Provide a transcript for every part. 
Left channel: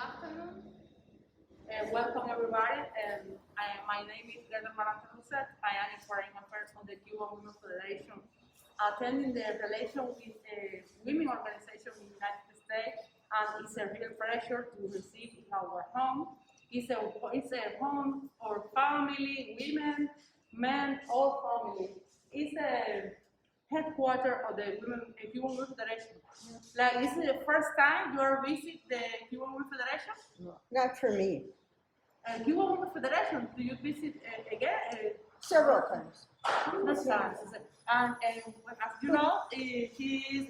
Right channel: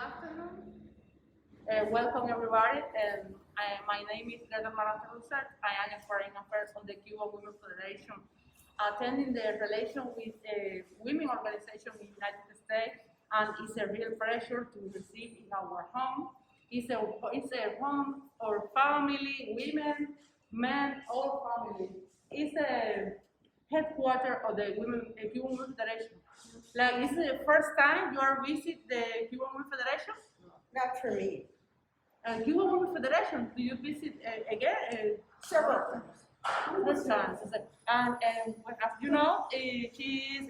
afternoon. Welcome everybody. My name is Gretel Marante. I am a foreign affairs on the Cuban Women Federation, attending the relation with a women organization in the United States, and it's a real pleasure to receive in our home. It's a home or family, women, men, all family. It's a headquarters of the Cuban Women Federation. Like, is it the first time you are visit the Cuban Women Federation? Not for me. Cuban Women Federation, do you visit again? Several times. Several times. And as you know, she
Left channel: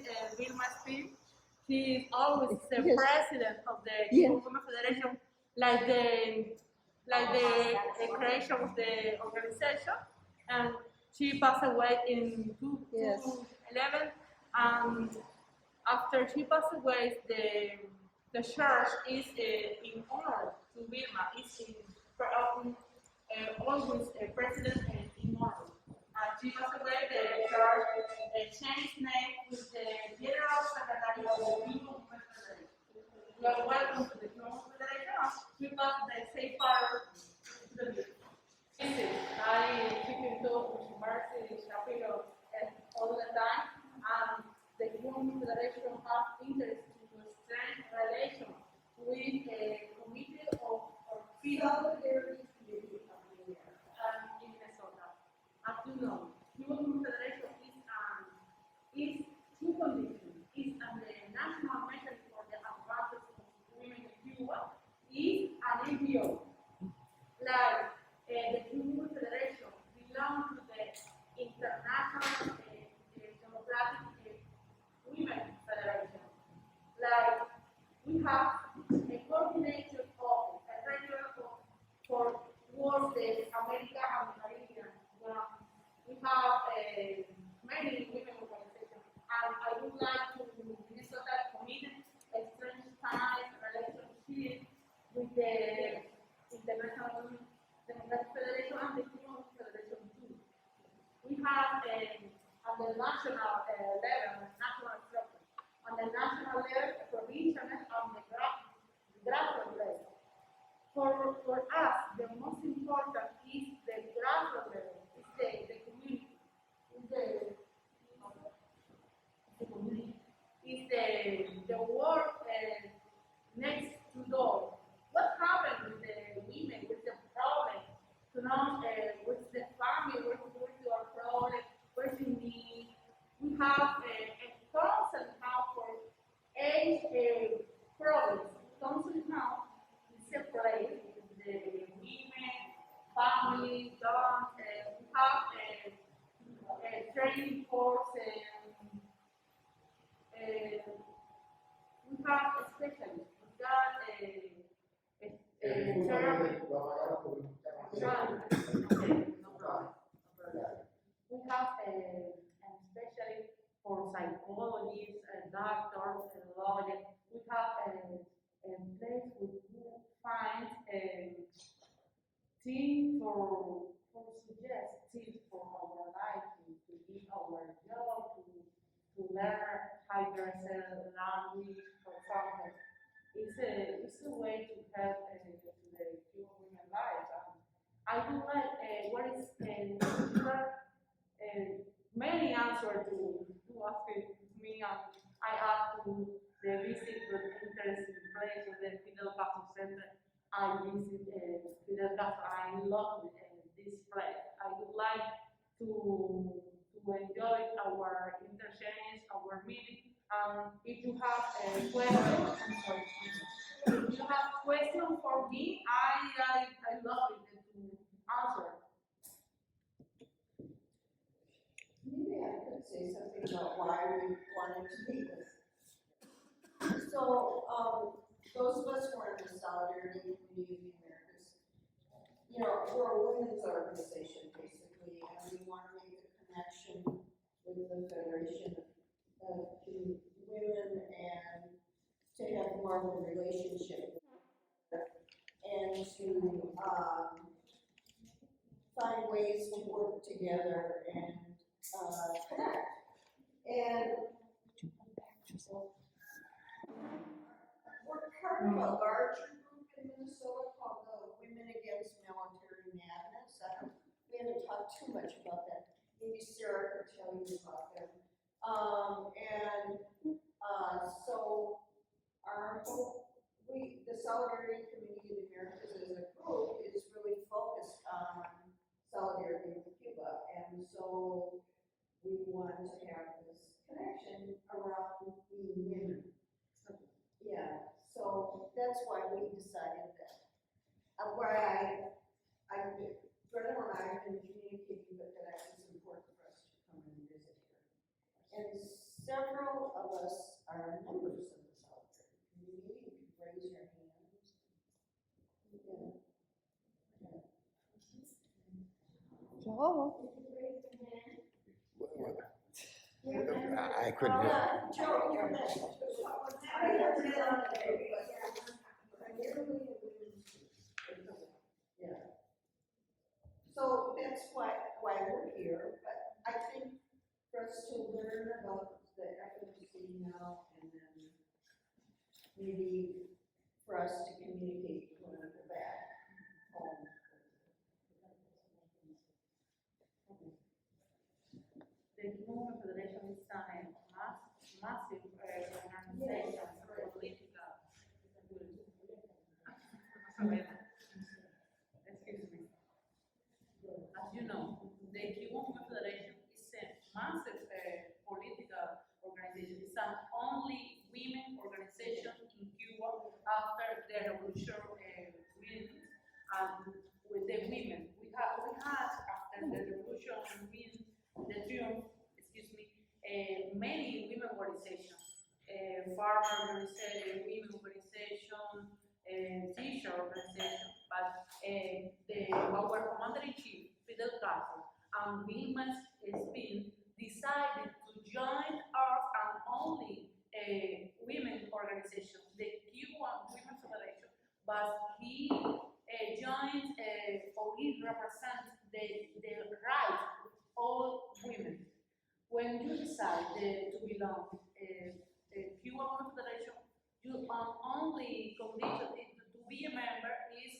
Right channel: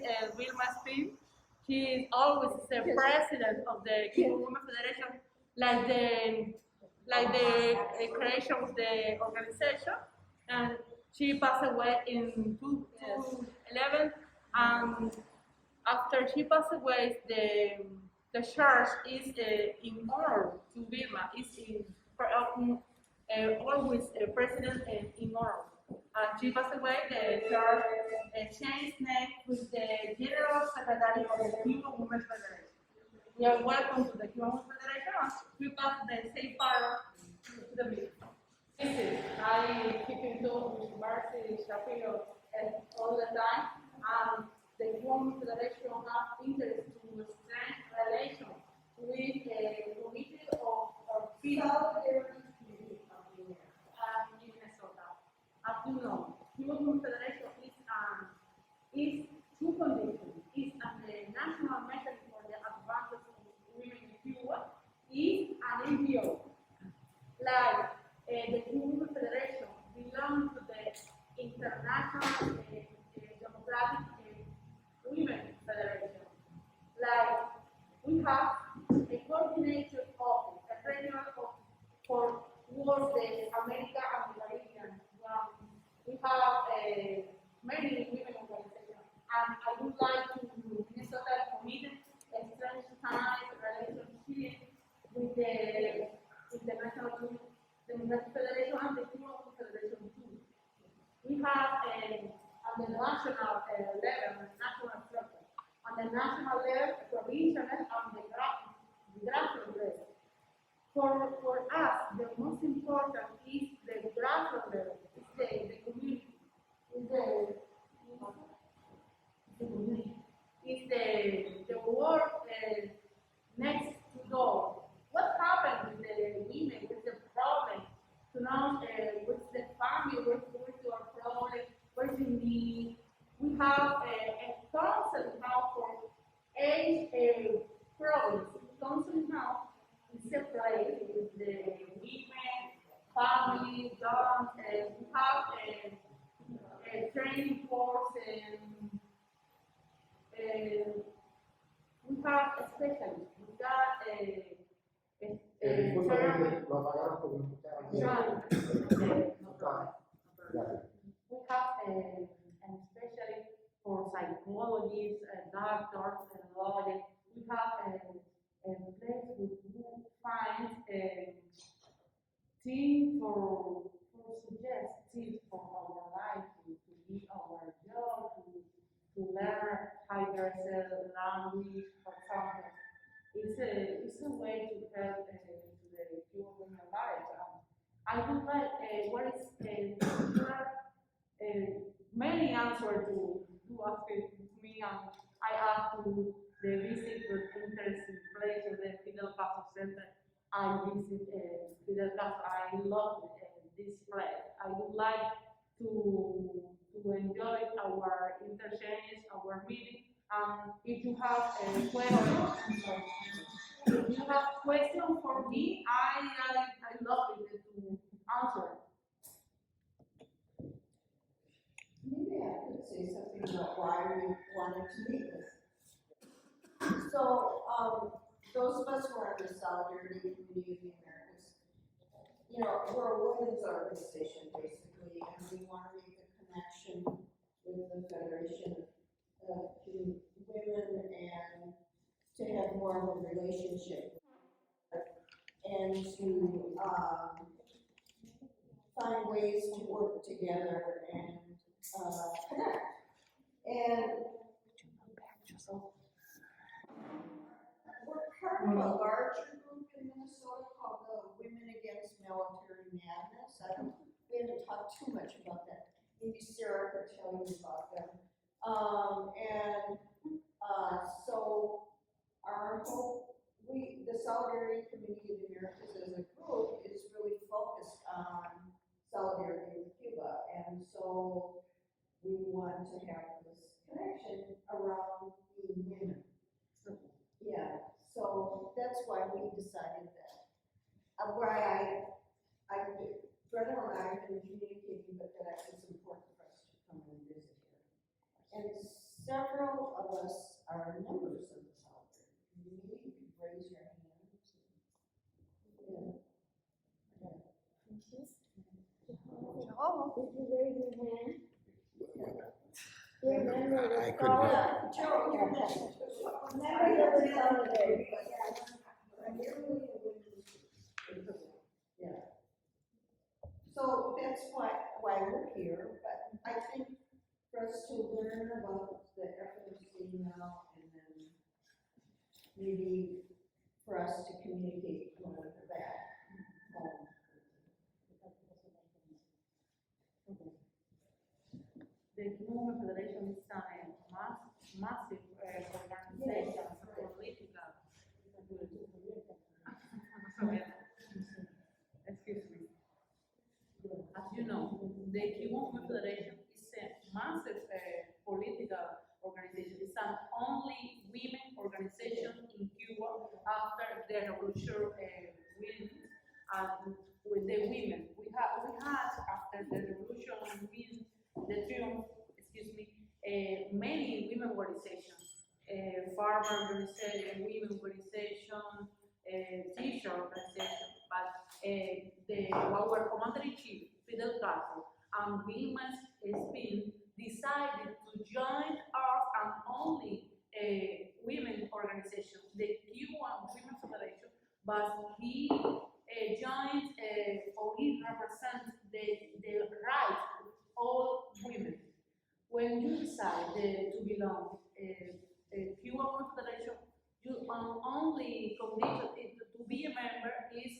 is Vilma Spin. She is always the president of the Cuban Women Federation, like the creation of the organization. And she passed away in 2011. And after she passed away, the church is in honor to Vilma. It's always president in honor. She passed away. The church changed name with the General Secretary of the Cuban Women Federation. We are welcome to the Cuban Women Federation. We pass the safe power to the meeting. I keep in touch with Mercy Shapiro all the time. The Cuban Federation has interest to strengthen relations with a committee of solidarity in Minnesota. As you know, Cuban Federation is two conditions. It's the national mechanism for the advantage of women in Cuba. Is an NGO. Like the Cuban Federation belongs to the International Democratic Women Federation. Like, we have a coordinated office, a regional office for towards the America and the Caribbean. We have many women organizations, and I would like to Minnesota committed a strengthened relationship with the International Democratic Federation and the Cuban Federation too. We have at the national level, national structure, on the national level, provincial, and the grassroots level. For us, the most important is the grassroots level. It's the community. It's the community. It's the work next to door. What happened with the women? What's the problem? To know what's the family, what's your problem, what's the need. We have a counseling house for age problems. Counseling house is a place with the women, family, dogs. We have a training course, and we have a specialist. We got we have an specialist for psychologists, doctors, and lawyers. We have a place who finds a team for suggest tips for our life, to live our job, to learn how to language, for example. It's a way to help to the Cuban women life. I would like what is many answers to ask me, and I asked to the visit with interesting place of the Fidel Castro Center. I visit Fidel Castro. I love this place. I would like to enjoy our interchange, our meeting. If you have a question, if you have question for me, I love it to answer. Maybe I could say something about why we wanted to meet this. So, those of us who are in the Solidarity Committee of the Americas, we're a women's organization basically, and we want to make a connection with the Federation of Women and to have more of a relationship and to find ways to work together and connect. And we're part part of a larger group in Minnesota called the Women Against Military Madness. We haven't talked too much about that. Maybe Sarah could tell you about them. So our whole, the Solidarity Committee of the Americas as a group is really focused on solidarity with Cuba. And so we want to have this connection around being women. Yeah, so that's why we decided that. Gretel and I have been communicating, but that it's important for us to come and visit here. And several of us are members of the Solidarity Committee. You can raise your hands. Yeah. Joe, did you raise your hand? I couldn't. Joe, you're next. Yeah. So that's why we're here, but I think for us to learn about the FMC now and then maybe for us to communicate when we're back home. The Cuban Federation is a massive organization, political. Excuse me. As you know, the Cuban Federation is a massive political organization. It's an only women organization in Cuba after the revolution win with the women. We had after the revolution win the triumph, many women organizations, farmer organization, women organization, teacher organization, but our commander-in-chief, Fidel Castro, and women has been decided to join us and only women organization, the Cuban Women Federation, but he joined or he represents the right of all women. When you decide to belong Cuban Women Federation, you only condition to be a member is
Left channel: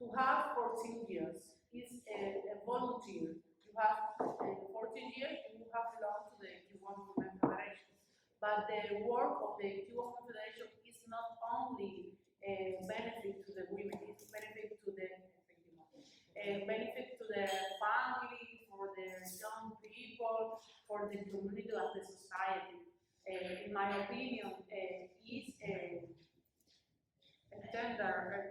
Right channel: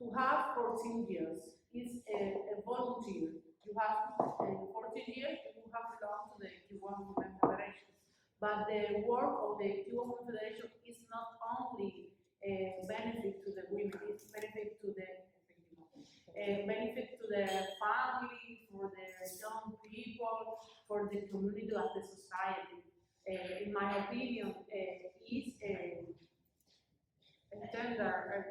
to have 14 years. Is a volunteer. You have 14 years, you have belonged to the Cuban Women Federation. But the work of the Cuban Women Federation is not only a benefit to the women, it's benefit to the benefit to the family, for the young people, for the community of the society. In my opinion, is a tender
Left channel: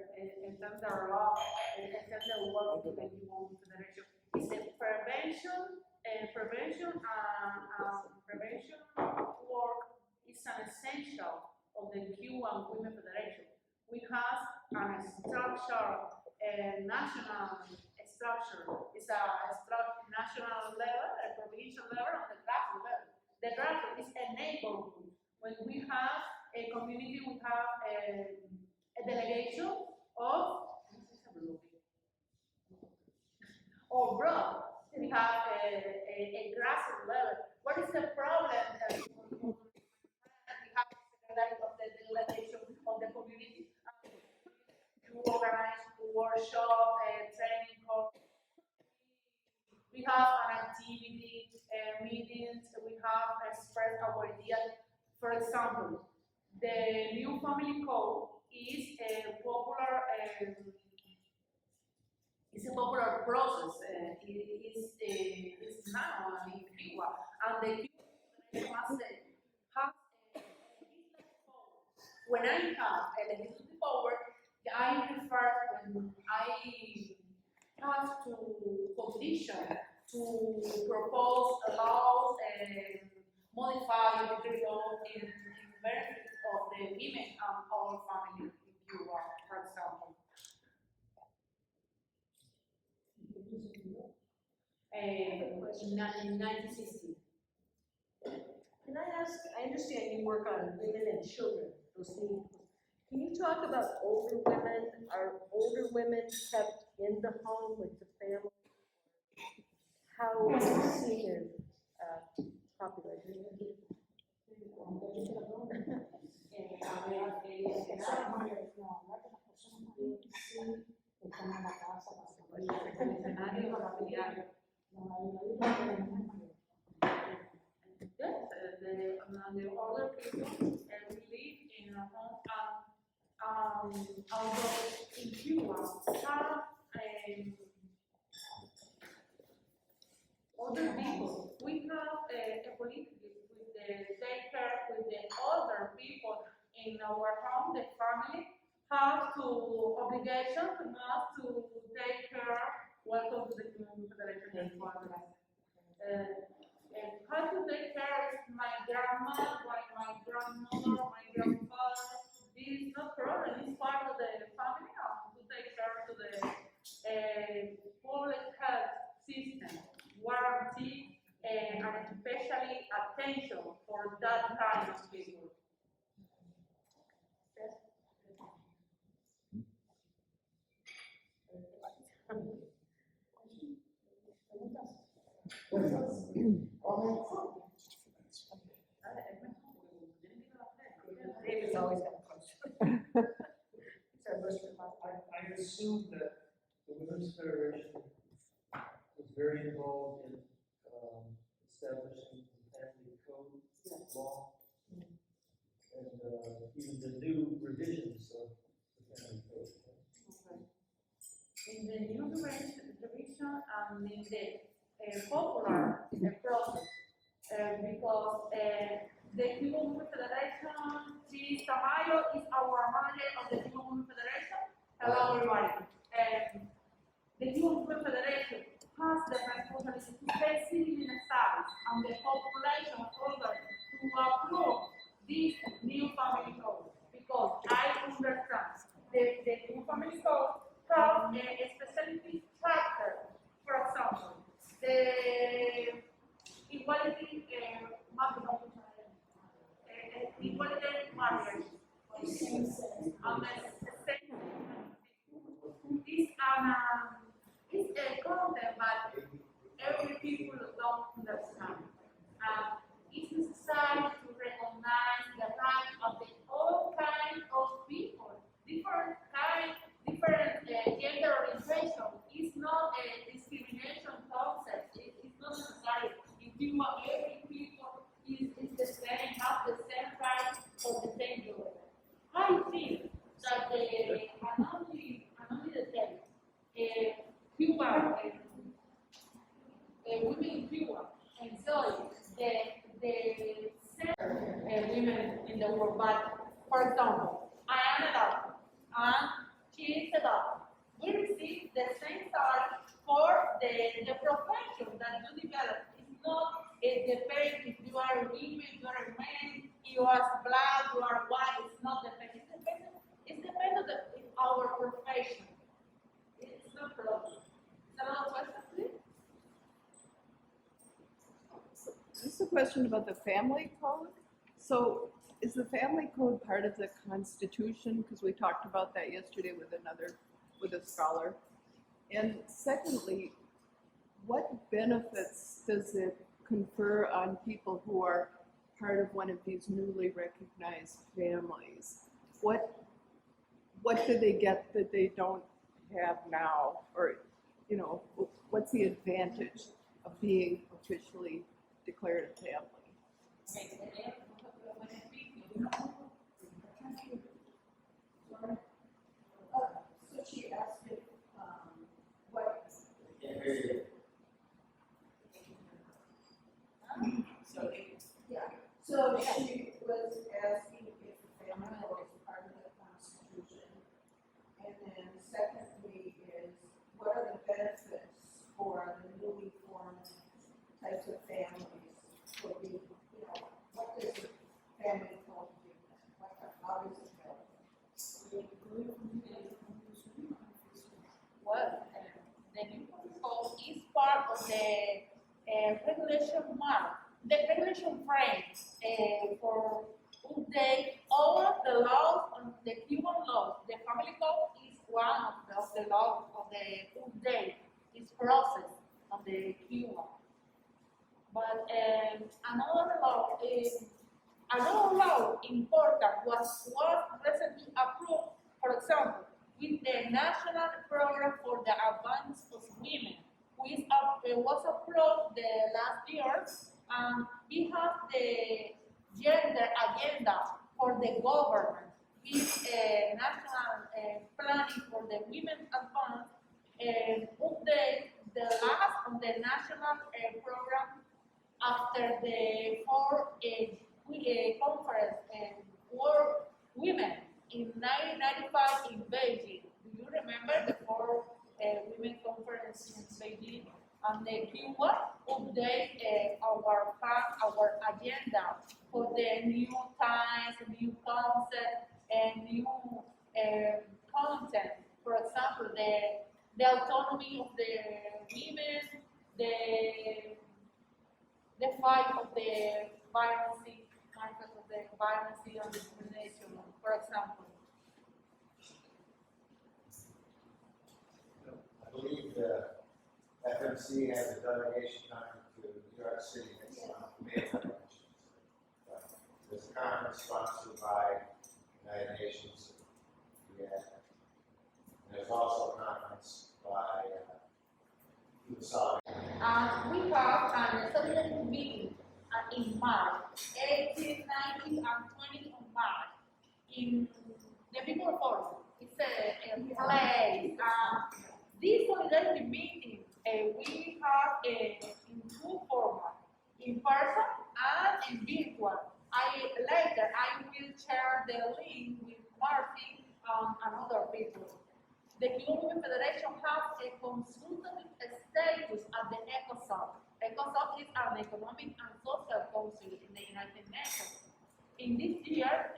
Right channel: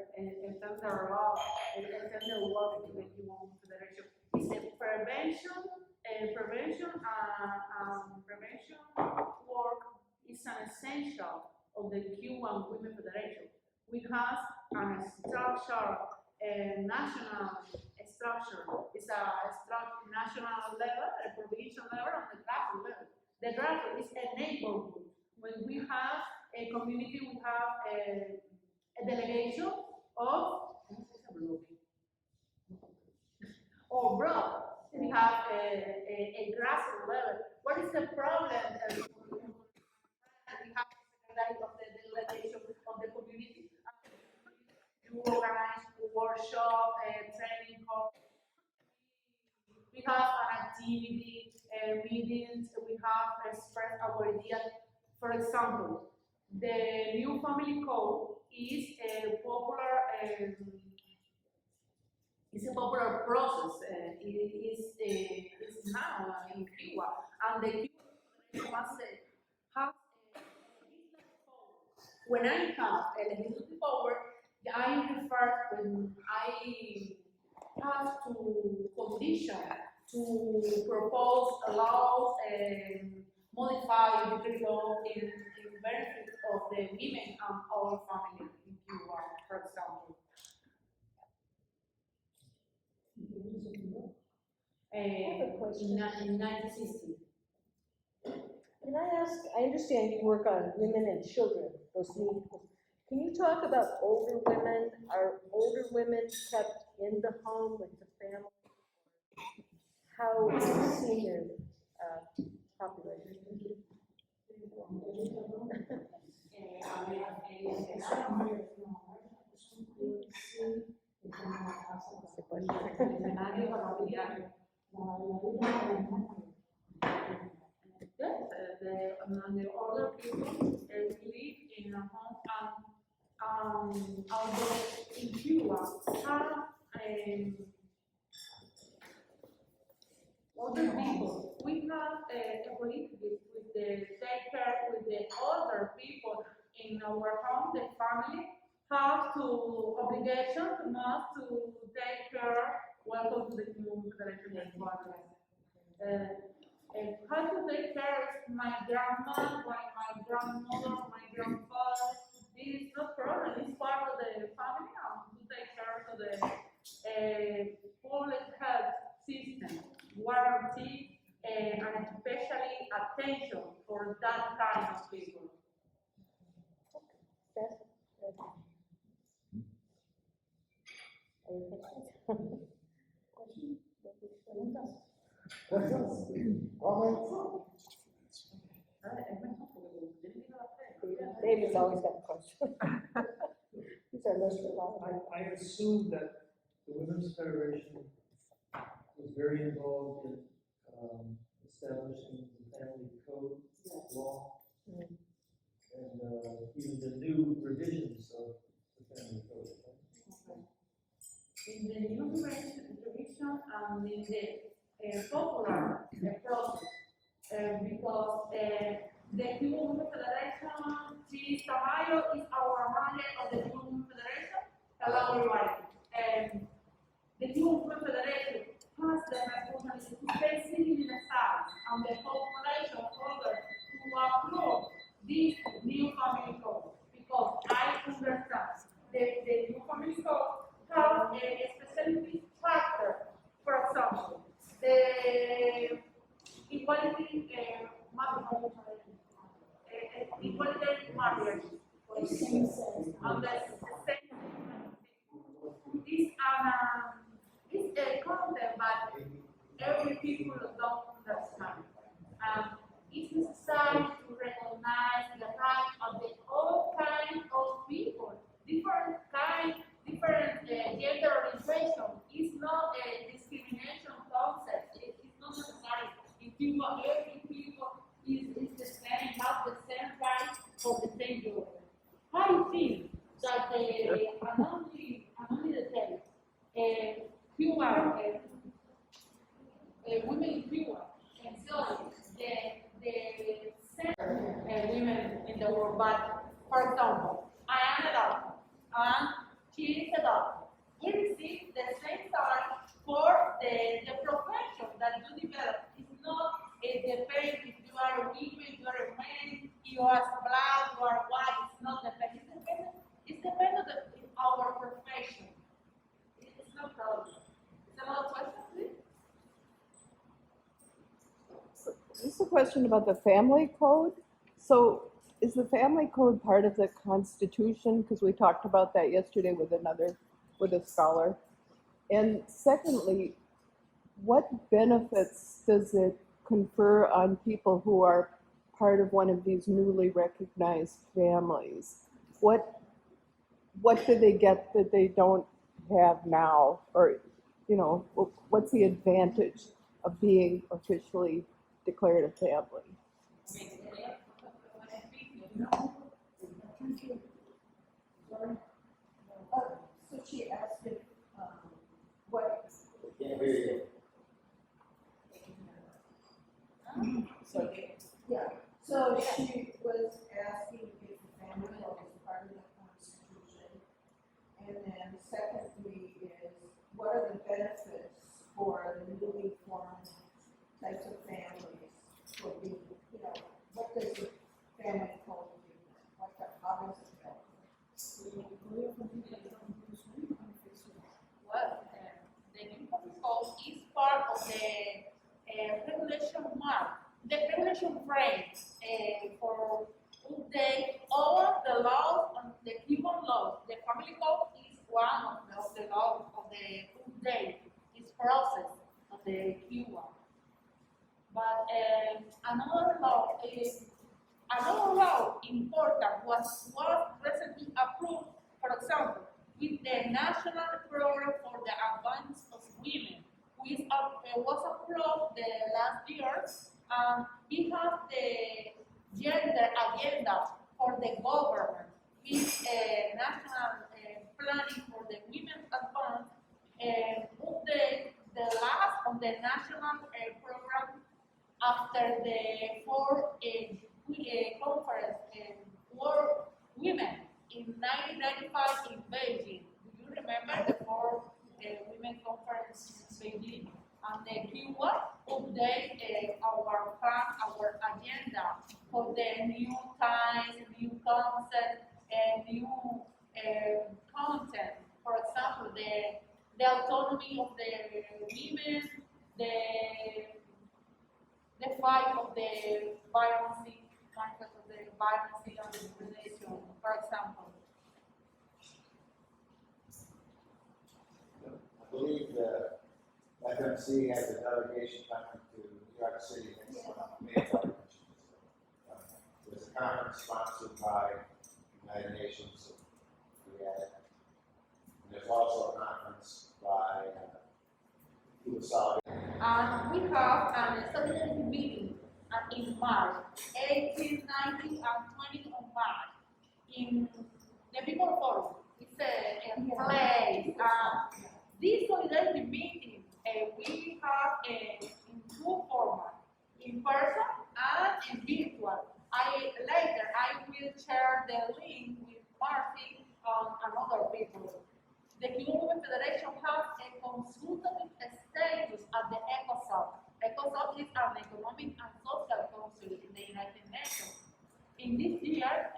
law, a tender work to the Cuban Federation. It's a prevention work is an essential of the Cuban Women Federation. We have a structure, a national structure. It's a national level, a provincial level, and the grassroots level. The grassroots is a neighborhood. When we have a community, we have a delegation of or block. We have a grassroots level. What is the problem? We have the secretary of the delegation of the community. You organize workshop, training course. We have an activity, meetings. We have express our ideas. For example, the new family code is a popular. It's a popular process. It is now in Cuba, and the Cuban must have a legislative power. When I have a legislative power, I refer when I have to condition to propose laws and modify the decree law in benefit of the women and our family in Cuba, for example. In 1960. Can I ask, I understand you work on women and children, those needs. Can you talk about older women? Are older women kept in the home with the family? How is senior population? Yes, the other people live in a home, and although in Cuba have other people, we have a policy with the take care with the other people in our home. The family have to obligation to must to take care. Welcome to the Cuban Federation of Women. How to take care of my grandma, my grandmother, my grandfather. This is not problem. It's part of the family to take care of the public health system, warranty, and especially attention for that kind of people. David's always got a question. He's our most reliable. I assume that the Women's Federation was very involved in establishing the family code law, and even the new revisions of the family code. In the new revision and in the popular process, because the Cuban Federation, Chief Tamayo is our manager of the Cuban Federation. Hello, everybody. The Cuban Federation has the responsibility to pay civil service and the population order to approve this new family code. Because I understand the new family code have a specific chapter, for example, the equality marriage, and the same is a content, but every people don't understand. It's necessary to recognize the right of the all kinds of people, different gender orientation. It's not a discrimination concept. It's not necessary. In Cuba, every people is the same, have the same rights for the same job. I think that anonymity detail, Cuba, women in Cuba enjoy the same women in the world. But for example, I am a doctor and she is a doctor. We receive the same salary for the profession that you develop. It's not depending if you are a woman, you are a man, you are black, you are white. It's not dependent. It's dependent on our profession. It's no problem. Is another question, please? This is a question about the family code. So is the family code part of the Constitution? Because we talked about that yesterday with a scholar. And secondly, what benefits does it confer on people who are part of one of these newly recognized families? What do they get that they don't have now? Or, what's the advantage of being officially declared a family? So she asked if, what? So she was asking if the family law is part of the Constitution. And then secondly is, what are the benefits for the newly formed types of families for being, what does the family code give them? How does it help? Well, the new code is part of the regulation mark, the regulation frame for update all of the laws on the Cuban laws. The family code is one of the laws of the update, this process of the Cuba. But another law important was recently approved, for example, with the National Program for the Advance of Women, which was approved the last year. He has the gender agenda for the government. His national planning for the women's advance update the last of the national program after the fourth conference for women in 1995 in Beijing. Do you remember the fourth women conference in Beijing? And the Cuba update our plan, our agenda for the new times, new concept, and new content. For example, the autonomy of the women, the fight of the violence, and discrimination, for example. I believe the FMC has a delegation coming to New York City next month, May 11th. There's a conference sponsored by United Nations. There's also a conference by Cuban Federation. We have an solidarity meeting in March, 18, 19, and 20 of March in the People Forum. It's a place. This solidarity meeting we have in two formats, in person and in virtual. Later I will share the link with Martin and other people. The Cuban Federation has a consultative status at the ECOSOC. ECOSOC is an economic and social council in the United Nations. In this year,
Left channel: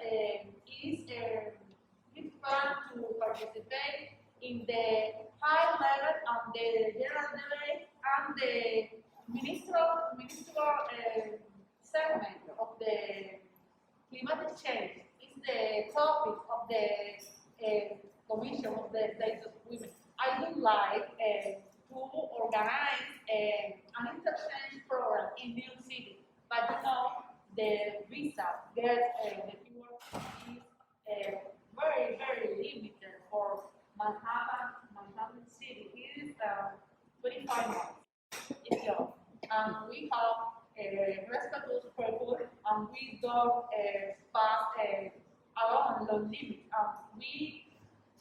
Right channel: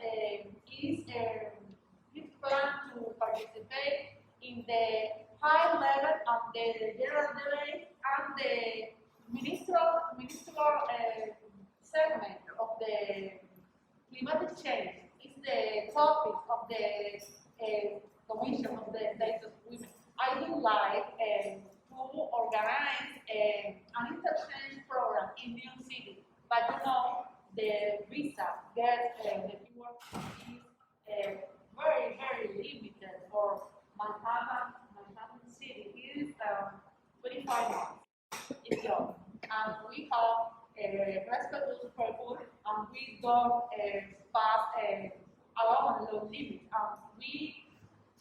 is planned to participate in the high level and the general debate and the ministerial segment of the climatic change. Is the topic of the Commission of the States of Women. I would like to organize an interchange program in New York City, but you know the visa the keyword is very, very limited for Manhattan City. It is 25 months. It's young. And we have respectful people and we don't pass along the limit. We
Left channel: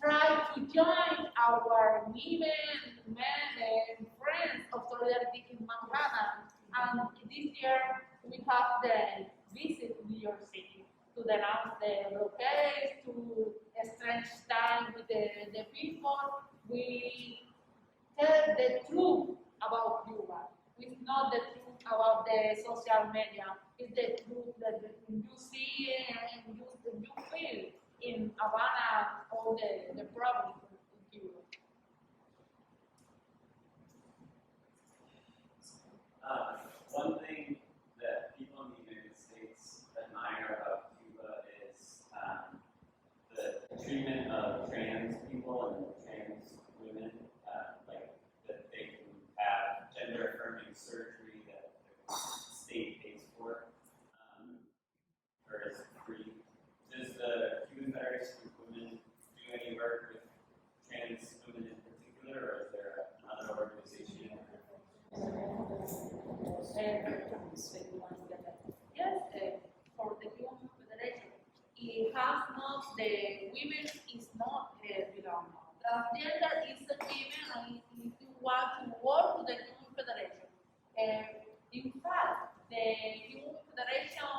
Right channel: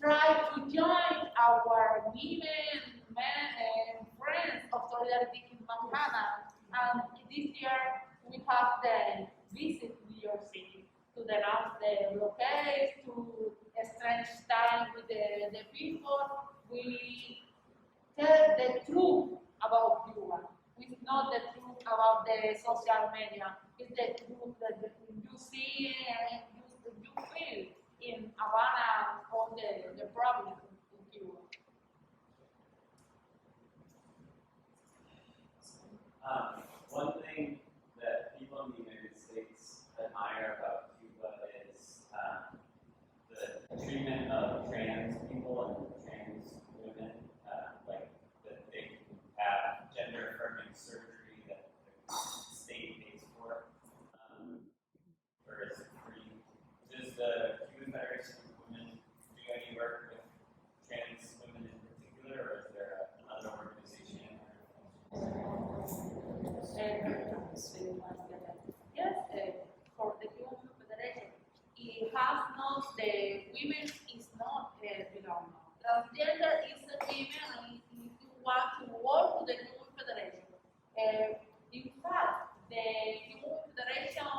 try to join our women, men, and friends of solidarity in Havana. And this year we have the visit New York City to denounce the blockade, to exchange time with the people. We tell the truth about Cuba. It's not the truth about the social media. It's the truth that you see and you feel in Havana, all the problems in Cuba. One thing that people in the United States admire about Cuba is the treatment of trans people and trans women, like that they can have gender affirming surgery that the state pays for, or is free. Does the Cuban Federation of Women do any work with trans women in particular, or is there another organization? Yes, for the Cuban Federation, it has not, the women is not, transgender is the women, and if you want to work with the Cuban Federation, in fact, the Cuban Federation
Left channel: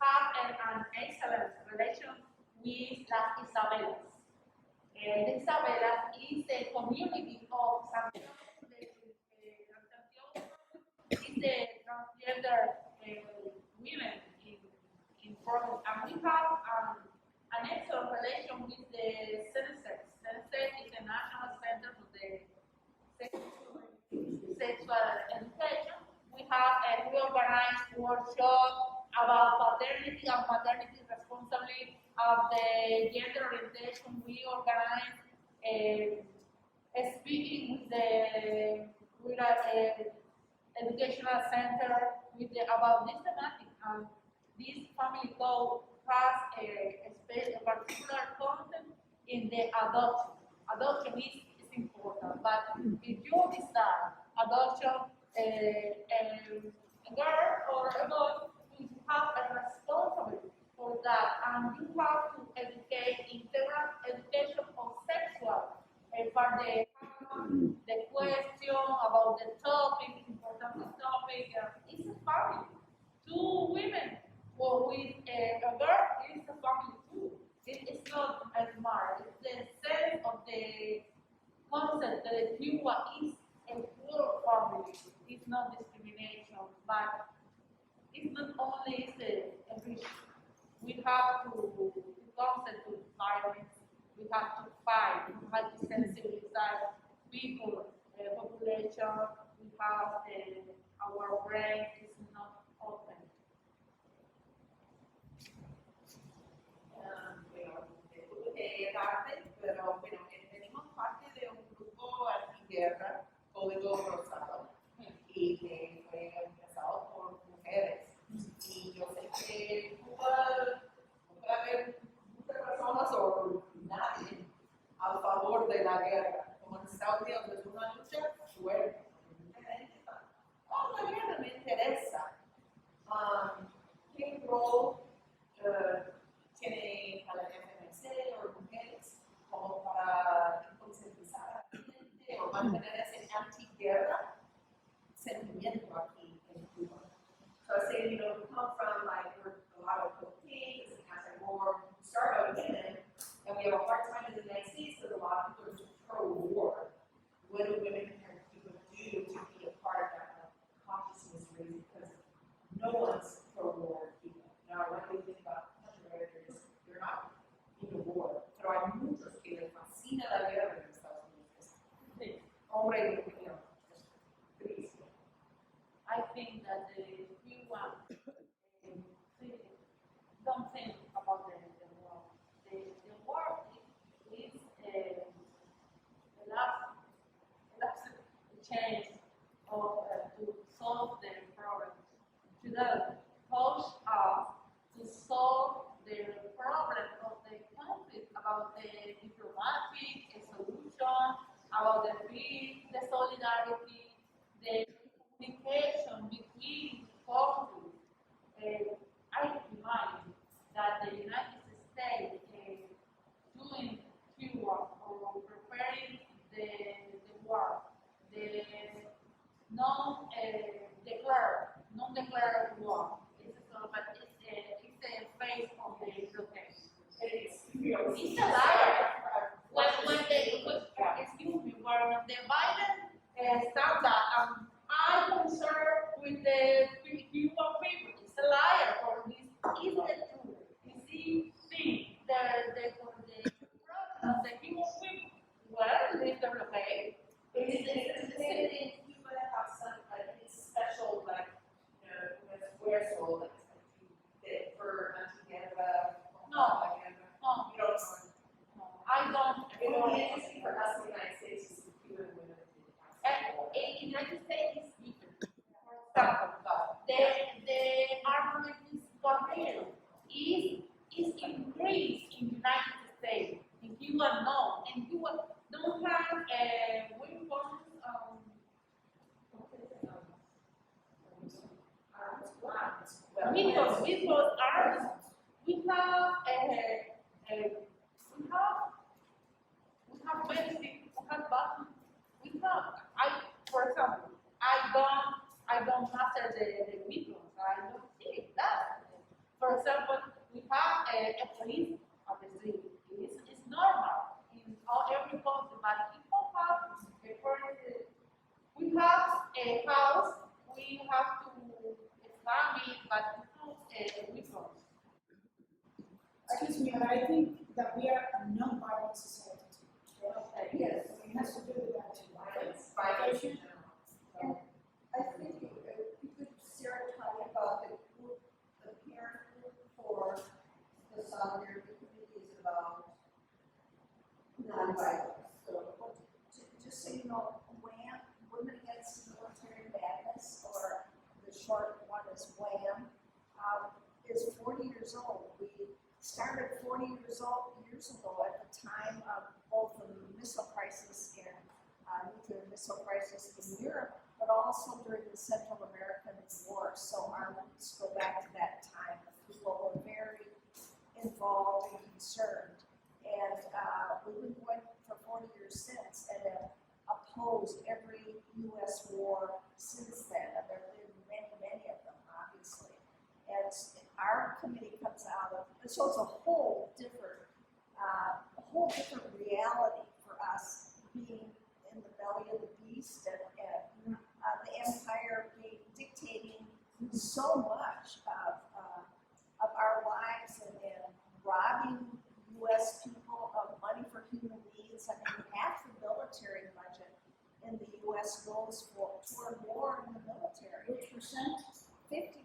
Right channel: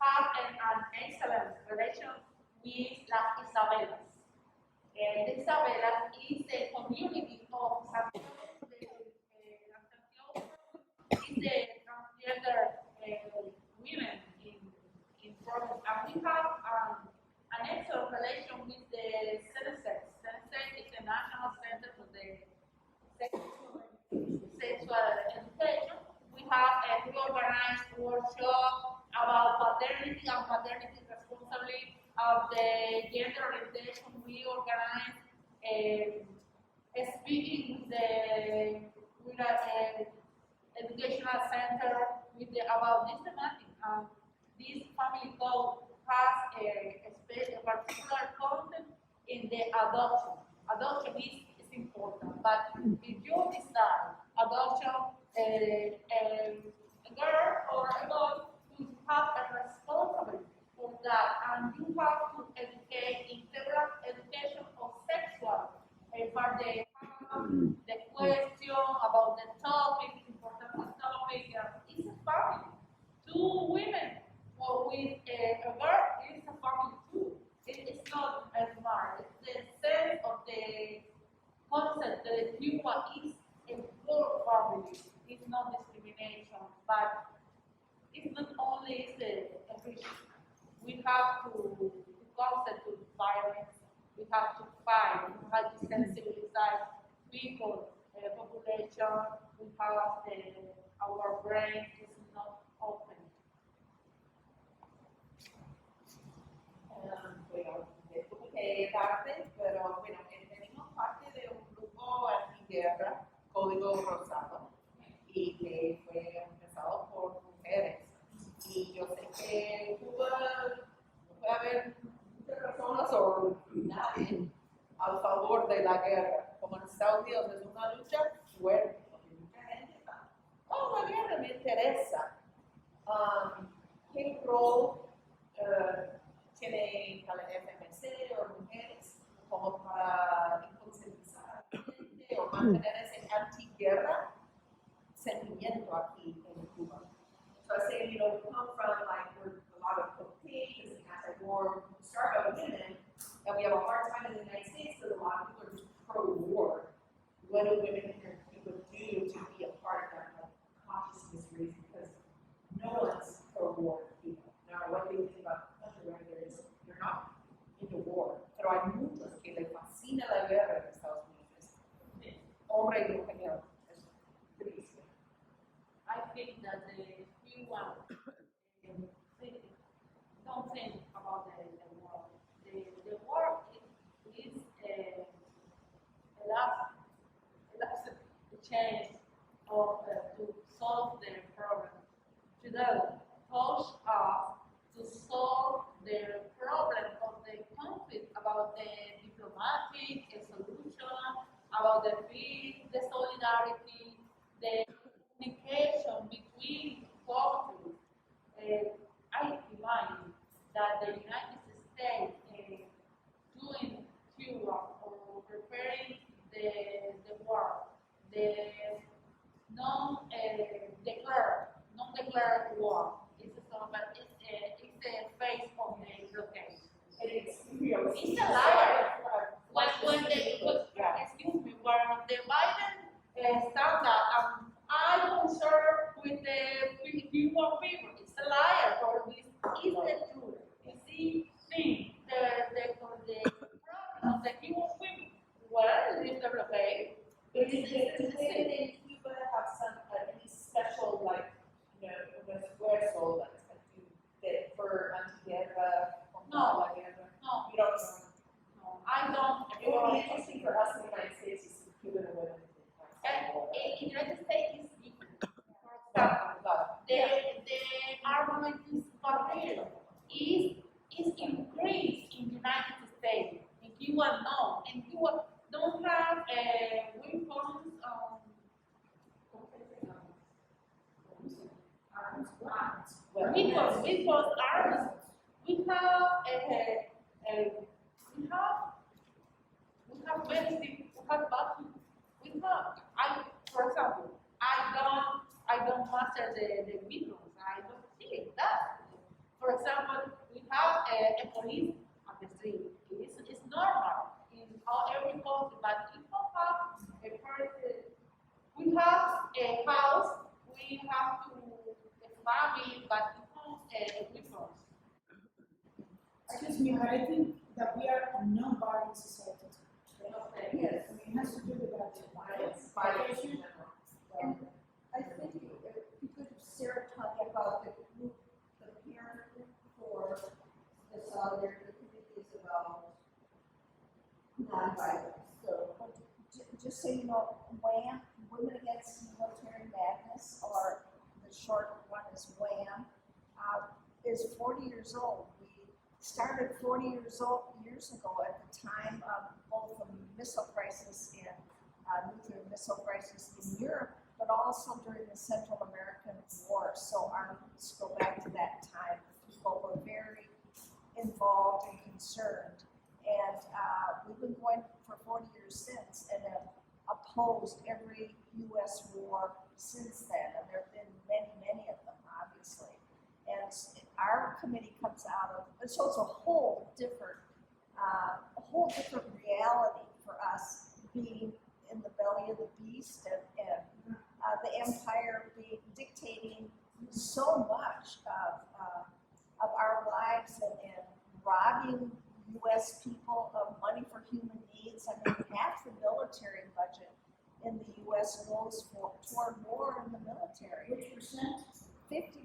has an excellent relation with las Isabelas. The Isabelas is a community of Santiago, is the transgender women in province, and we have an excellent relation with the CENESEX. CENESEX is the National Center for the Sexual Education. We organize workshops about paternity and maternity responsibility of the gender orientation. We organize speaking with educational center about this thematic. This family code has a particular content in the adoption. Adoption is important, but if you decide adoption, a girl or a boy who have a responsibility for that, and you have to educate integral education of sexual for the question about the topic, important topic. It's a family. Two women with a girl is a family too. It's not smart. It's the sense of the concept that Cuba is a full family. It's not discrimination, but it's not only a risk. We have to concept to violence. We have to fight. We have to sensibilize people, population. We have our brain is not open. Bueno, estuve tarde, pero bueno, venimos parte de un grupo antiguerra, Código Rosado, y que fue empezado por mujeres. Y yo sé que en Cuba no puede haber muchas personas o nadie a favor de la guerra. Como en Estados Unidos es una lucha fuerte, porque mucha gente está, oh, la guerra me interesa. ¿Qué rol tiene la FMC o mujeres como para concientizar a la gente o mantener ese antiguerra sentimiento aquí en Cuba? So I was saying, we come from like we're a lot of cocaine, this is anti-war, start out women, and we have a hard time in the United States because a lot of people are just pro-war. What do women here in Cuba do to be a part of that consciousness raising? Because no one's pro-war in Cuba. Now, what they think about the country, whether they're not into war, pero hay muchos que les fascina la guerra en Estados Unidos. Hombre y mujer, es triste. I think that the Cuban don't think about the war. The war is a last chance of to solve the problem. Today, push us to solve the problem of the conflict about the diplomatic solution, about the peace, the solidarity, the communication between countries. I imagine that the United States doing Cuba or preparing the war, the non-declared war. It's a phase of the blockade. It's a liar. When excuse me, when the Biden stand up, I concern with the Cuban people. It's a liar, or this is the truth. It's the thing, the problem of the Cuban people. Well, it's the blockade. Does in Cuba have some any special like esfuerzo that for antiguerra? No. You No, don't. I don't. It would be interesting for us in the United States to see Cuban women. In the United States, it's different. For example, the armament career is increased in the United States. In Cuba, no. In Cuba, don't have weapons. Weapons, arms. We have medicine. We have vaccine. For example, I don't master the weapons. I don't see that. For example, we have a police at the street. It's normal in every country, but we don't have a person. We have a house. We have to a family, but we don't weapons. Excuse me, but I think that we are a non-violent society. Yes. I mean, it has to do with that. Violence in Education. general. And I think you could, Sarah, tell me about the group, the parent group for the solidarity committee is about nonviolence. So, just so you know, WHAM, Women Against Military Madness, or the short one is WHAM, is 40 years old. We started 40 years ago at the time of both the missile crisis and nuclear missile crisis in Europe, but also during the Central American War. So our roots go back to that time. People were very involved and concerned. And we've been going for 40 years since and have opposed every U.S. war since then. And there have been many, many of them, obviously. And our committee comes out of, so it's a whole different reality for us being in the belly of the beast and the empire being dictating so much of our lives and robbing U.S. people of money for human needs. I mean, half the military budget in the U.S. goes toward war in the military. Which percent? 50%.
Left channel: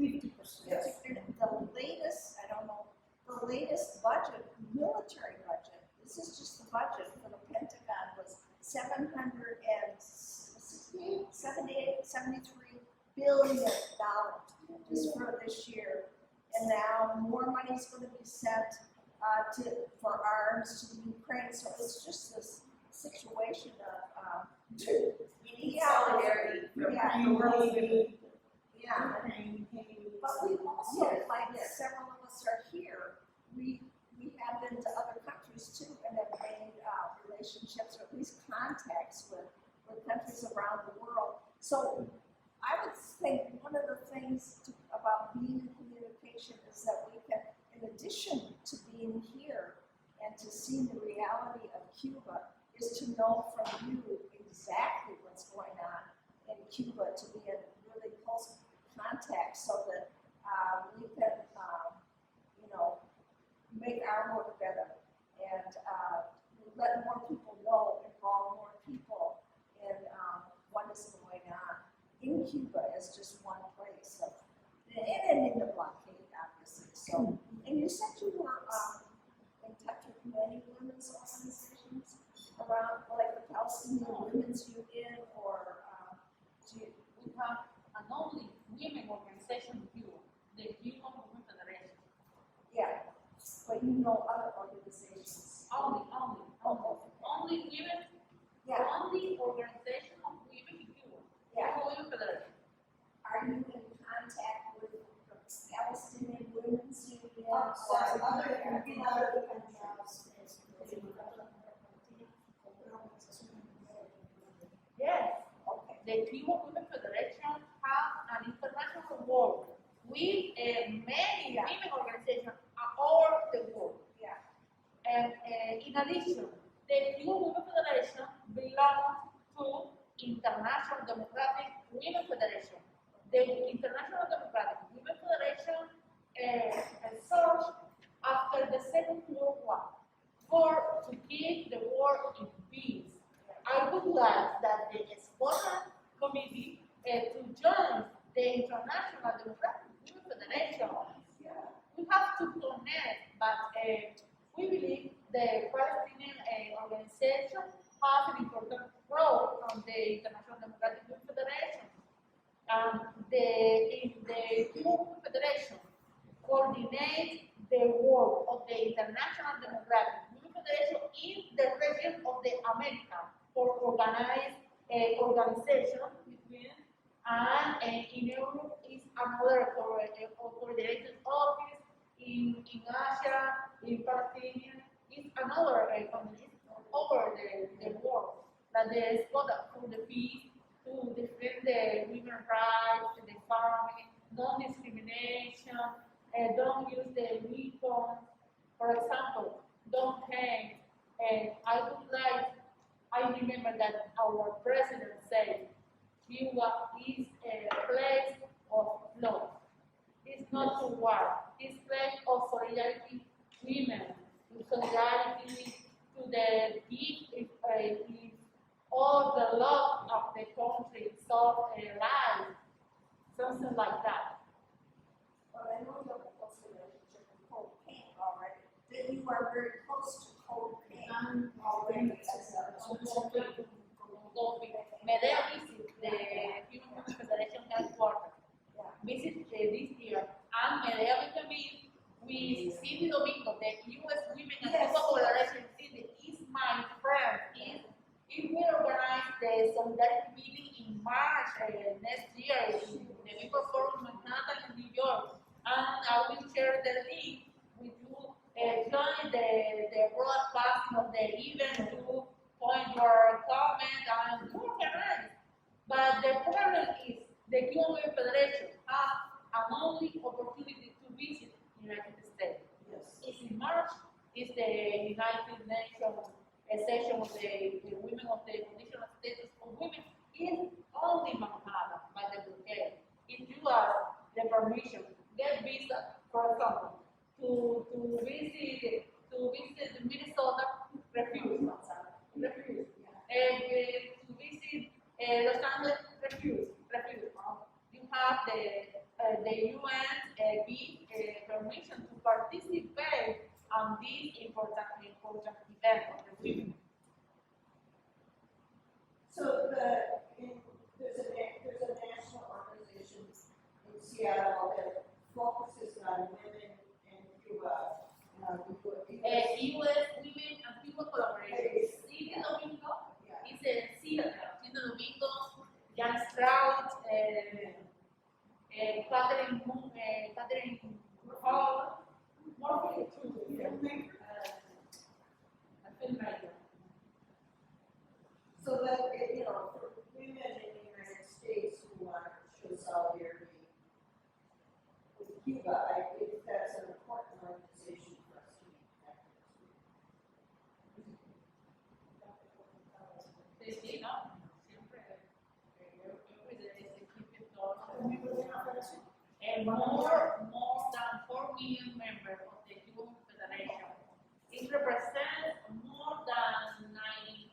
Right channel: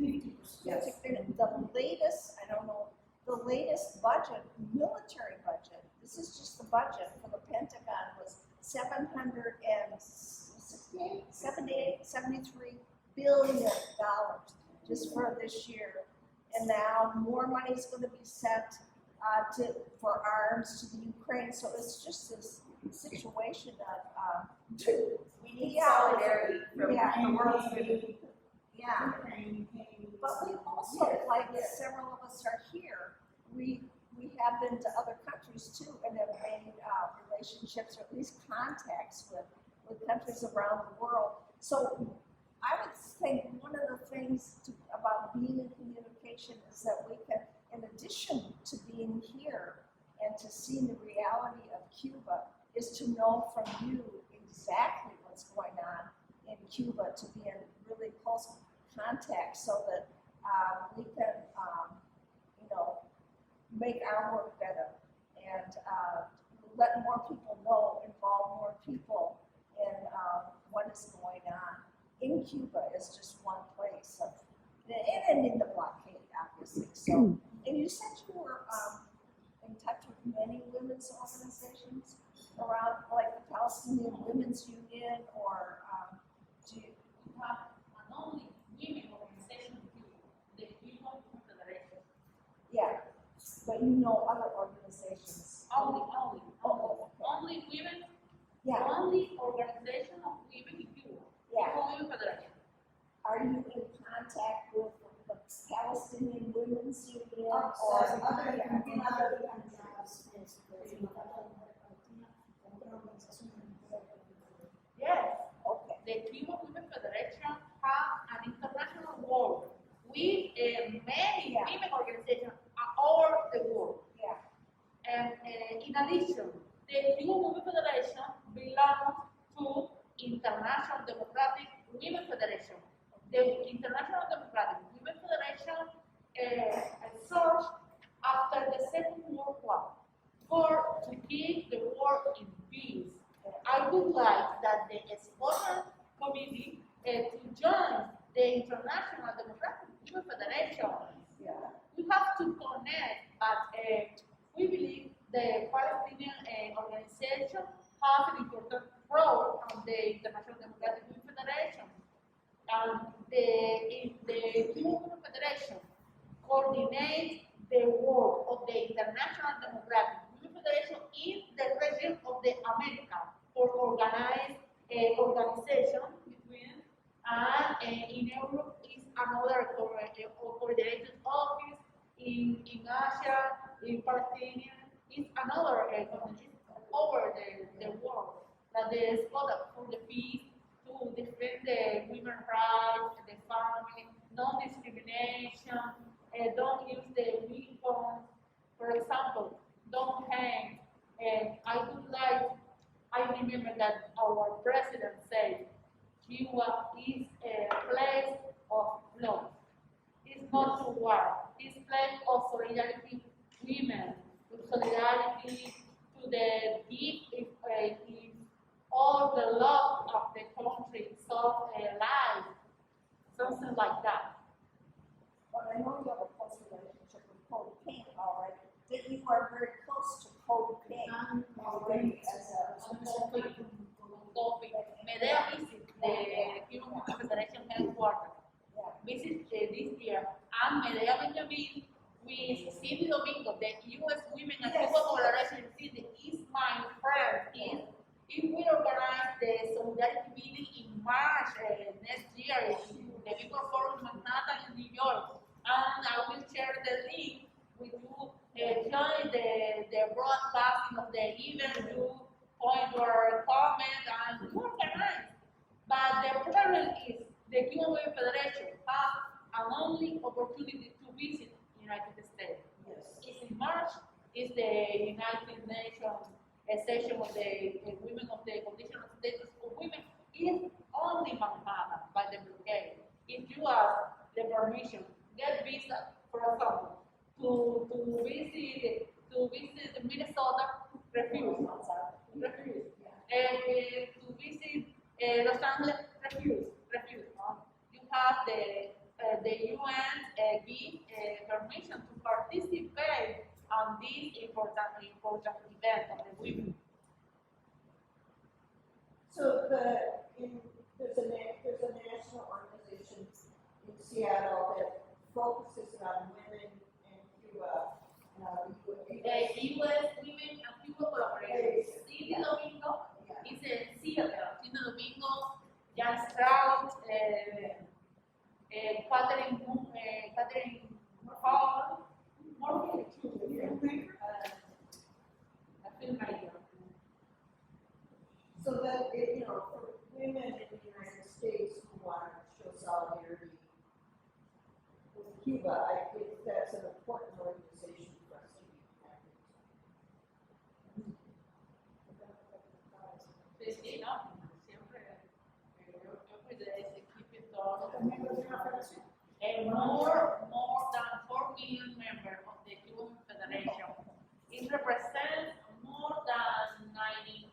50%. Yes. The latest, I don't know, the latest budget, military budget, this is just the budget for the Pentagon, was $73 billion just for this year. And now more money is going to be sent for arms to the Ukraine. So it's just this situation of We need solidarity from the world's women. yeah. But we also, like several of us are here, we have been to other countries too and have made relationships or at least contacts with countries around the world. So I would think one of the things about being in communication is that we can, in addition to being here and to seeing the reality of Cuba, is to know from you exactly what's going on in Cuba, to be in really close contact so that we can, make our work better and let more people know, involve more people in what is going on in Cuba is just one place of, and in the blockade, obviously. So, and you said you were in touch with many women's organizations around, like the Palestinian Women's Union, or We have an only women organization in Cuba, the Cuban Federation. yeah, but you know other organizations. Only women, Yeah, only organization of women in Cuba. yeah. Cuban Federation. Are you in contact with the Palestinian Women's Union Other or Yes. Okay. The Cuban Women Federation have an international work with many Yeah. women organizations all over the world. Yeah. And in addition, the Cuban Women Federation belongs to International Democratic Women Federation. The International Democratic Women Federation surged after the Second World War to keep the world in peace. I would like that the Exponent Committee to join the International Democratic Women Federation. Yeah. We have to connect, but we believe the Palestinian organization has an important role on the International Democratic Women Federation. And the Cuban Women Federation coordinates the work of the International Democratic Women Federation in the region of the Americas for organized organization between, and in Europe is another coordinated office, in Asia, in Palestinian, is another coordination over the world, that the spot for the peace, to defend the women's rights, the family, non-discrimination, don't use the weapons, for example, don't hang. And I remember that our president said, Cuba is a place of love. It's not to war. It's a place of solidarity, women, to solidarity to the gift if all the love of the country, so life, something like that. Well, I know you have a close relationship with Code Pink already, that you are very close to Code Pink already as a Medea visit the Cuban Women Federation headquarters. Visit this year, and Medea will be with Cindy Domingo, the U.S. Women and Cuba Federation. Cindy is my friend, is If we organize the solidarity meeting in March next year in the People Forum Manhattan in New York, and I will share the link with you. Join the broadcasting of the event, you point your comment and you organize. But the problem is the Cuban Women Federation has an only opportunity to visit the United States. Yes. It's in March, it's the United Nations session of the women of the condition of status of women is only Manhattan by the blockade. If you ask the permission, get visa, for example, to visit Minnesota, refuse. And to visit Los Angeles, refuse. You have the UN give permission to participate on this important event of the women. So there's a national organization in Seattle that focuses on women in Cuba. U.S. Women and Cuba Collaboration. City Domingo is a theater. City Domingo, Jan Strout, Catherine Hall, more a filmmaker. So that, for women in the United States who want to show solidarity with Cuba, I think that's an important organization for us to be connected to. Sí, no, siempre, every day they keep it all. And more than 4 million members of the Cuban Federation. It represents more than 92%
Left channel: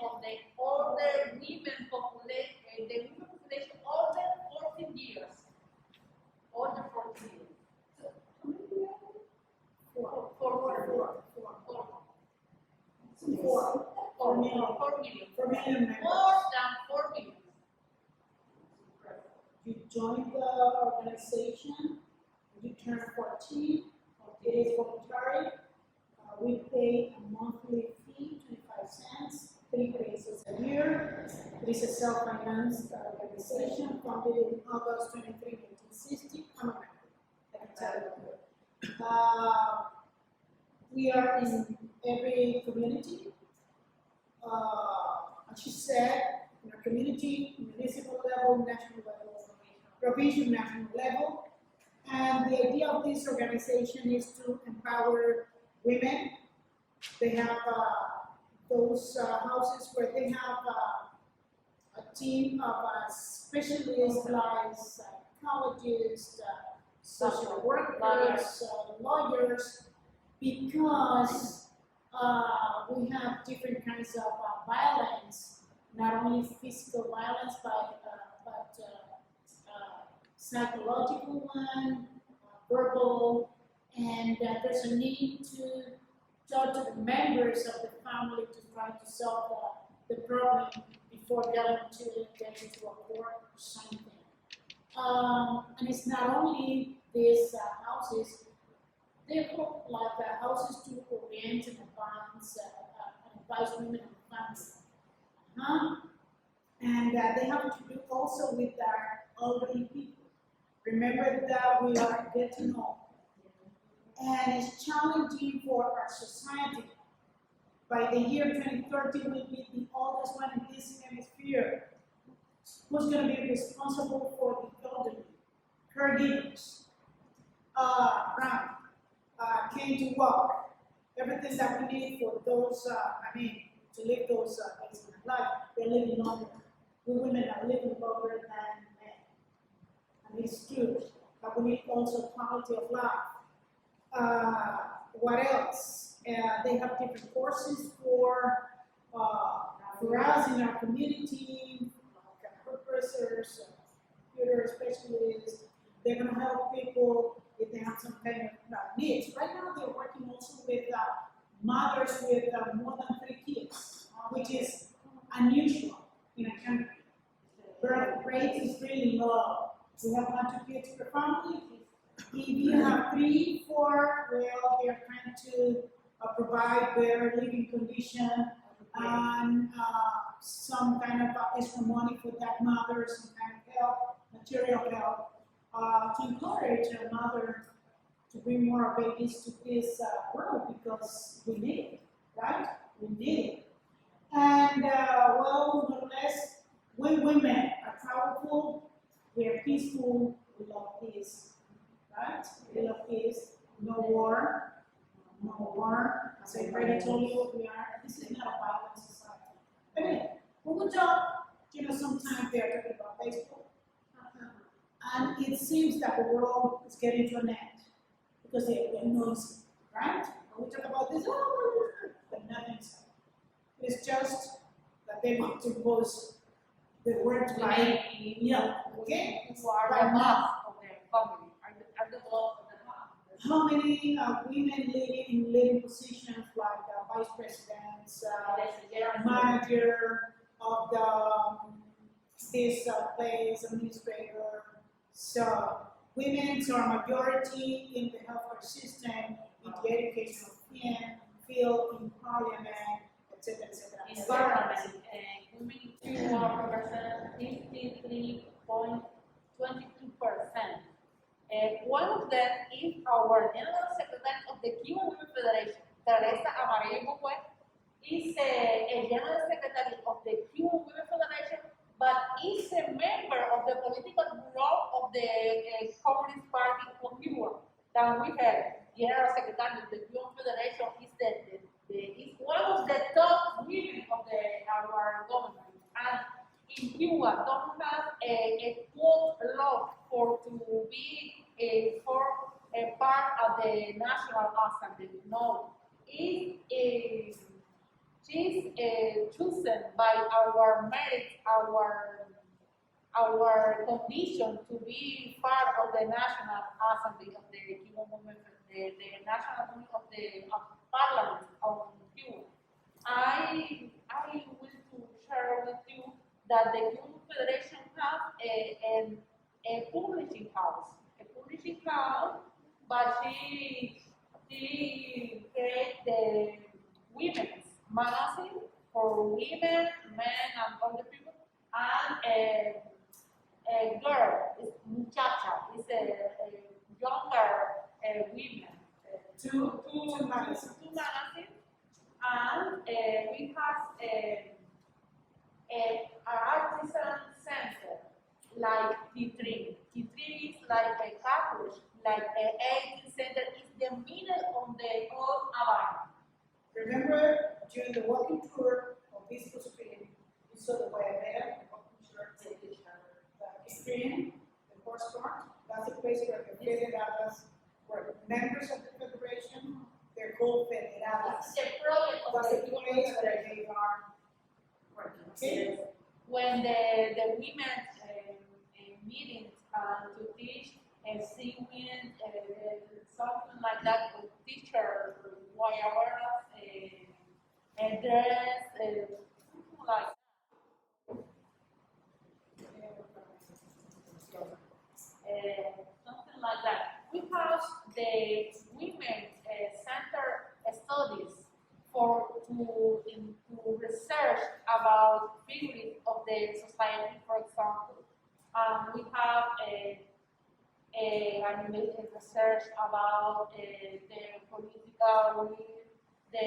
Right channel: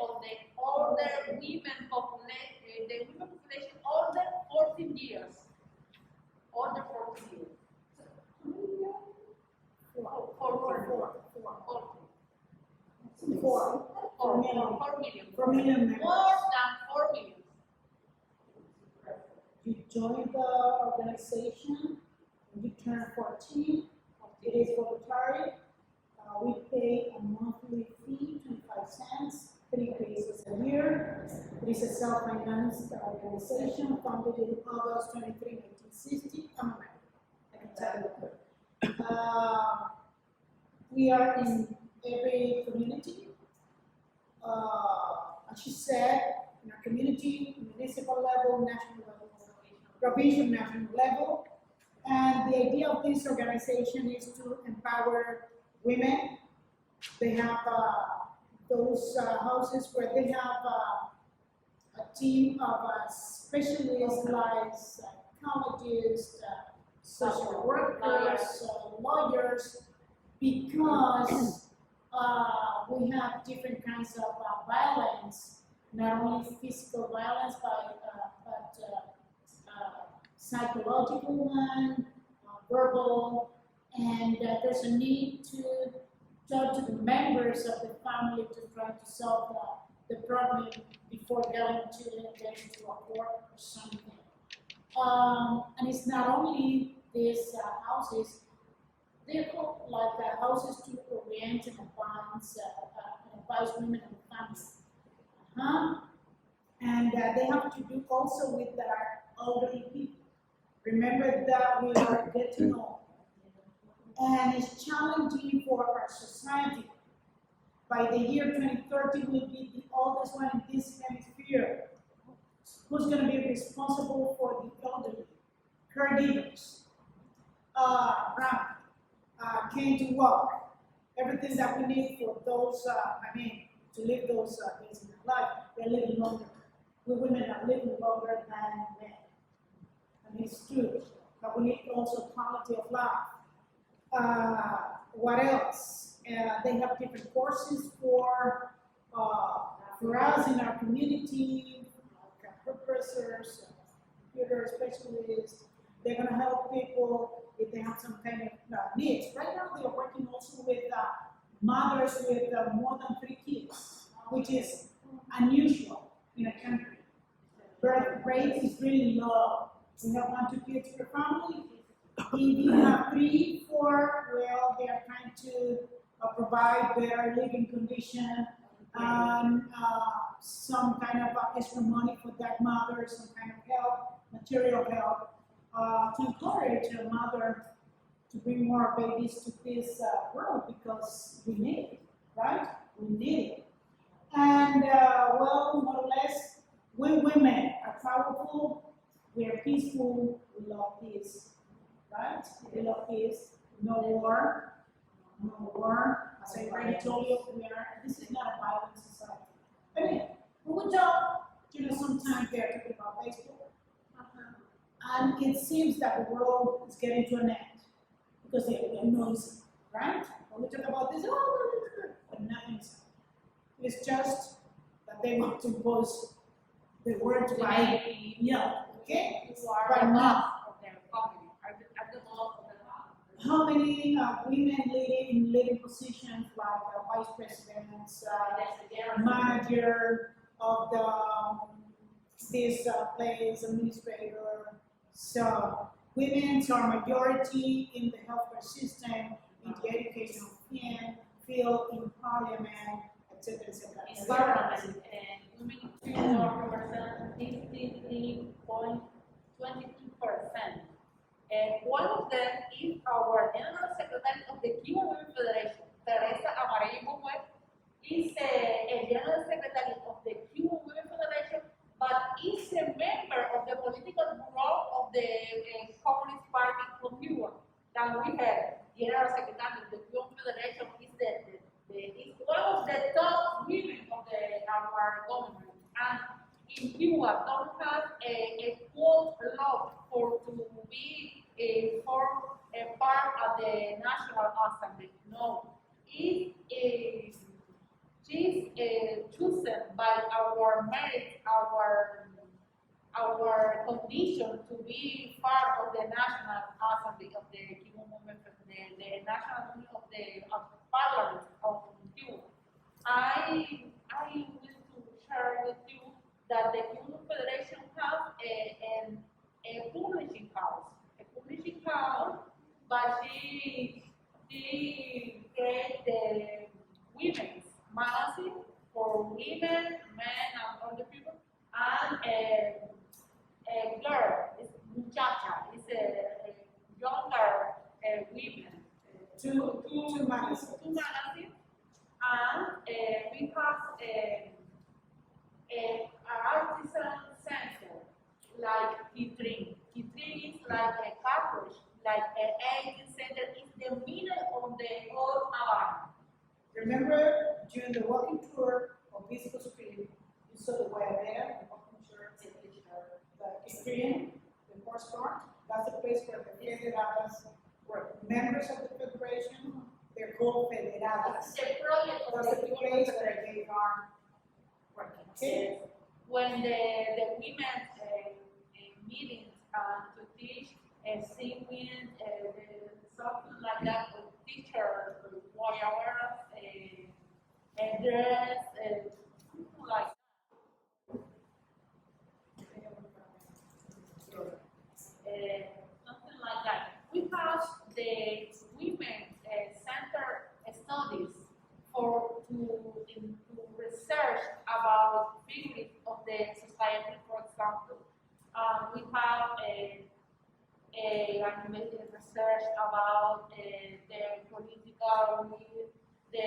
of the older women population, the women population older 14 years. Older 14 years. Four million. 4 million members. More than 4 million. You join the organization, when you turn 14, it is voluntary. We pay a monthly fee, 25 cents, 3 pesos a year. It is a self-financed organization founded in August 23, 1960. I'm a member, I can tell you. We are in every community. As she said, in our community, municipal level, national level, provincial, national level. And the idea of this organization is to empower women. They have those houses where they have a team of specialists like psychologists, social workers, lawyers, because we have different kinds of violence, not only physical violence, but psychological one, verbal, and there's a need to talk to the members of the family to try to solve the problem before getting into a court or something. And it's not only these houses, they're like houses to orient and advise women and families. And they have to do also with our elderly people. Remember that we are getting old. And it's challenging for our society. By the year 2030, we'll be the oldest one in this hemisphere. Who's going to be responsible for the elderly? Caregivers. Cane to walk. Everything that we need for those, to live those things in their life. They're living longer. We women are living longer than men. And it's true. But we need also quality of life. What else? They have different courses for us in our community, like hairdressers, computer specialists. They're going to help people if they have some kind of needs. Right now, they're working also with mothers with more than 3 kids, which is unusual in a country. Birth rate is really low. We have 1 to 2 kids per family. If you have 3, 4, well, they are trying to provide better living condition and some kind of extra money for that mother, some kind of help, material help, to encourage a mother to bring more babies to this world because we need it, right? We need it. And well, more or less, we women are powerful, we are peaceful, we love peace, right? We love peace, no war, no war. As I already told you, this is not a violent society. I mean, we would talk, sometimes they are talking about baseball, and it seems that the world is getting to an end because they are noisy, right? When we talk about this, but nothing's happening. It's just that they want to impose the word right, okay? You are But the not. boss of the family, are the boss of the house. How many women in leading positions like vice presidents, manager of this place, administrator? So women are majority in the healthcare system, in the educational field, in parliament, etc., etc. In parliament, women in Cuba represent 53.22%. One of them is our General Secretary of the Cuban Women Federation, Teresa Amarello Buque, is a General Secretary of the Cuban Women Federation, but is a member of the political bureau of the Communist Party of Cuba. Then we have General Secretary of the Cuban Federation is one of the top women of our government, and in Cuba don't have a quote law to be for a part of the National Assembly. No, she's chosen by our merit, our condition to be part of the National Assembly of the Cuban Women, the National Assembly of Parliament of Cuba. I wish to share with you that the Cuban Federation have a publishing house, but she create the women's magazine for women, men, and other people, and a girl, is muchacha, is a younger women. Two magazines. Two magazines, and we have an artisan center like T3. T3 is like a college, like an 18th center, is the middle of the old Havana. Remember, during the walking tour of Visco Supreme, you saw the Guayabera, the walking tour, the Supreme, the horse store. That's the place where the federadas were members of the federation. They're called federadas. It's the project of That's the the place where they are working. Okay? When the women meetings to teach singing, something like that, teacher, guayabera, dress, something like something like that. We have the women center studies to research about figures of the society, for example. We have a research about the political, the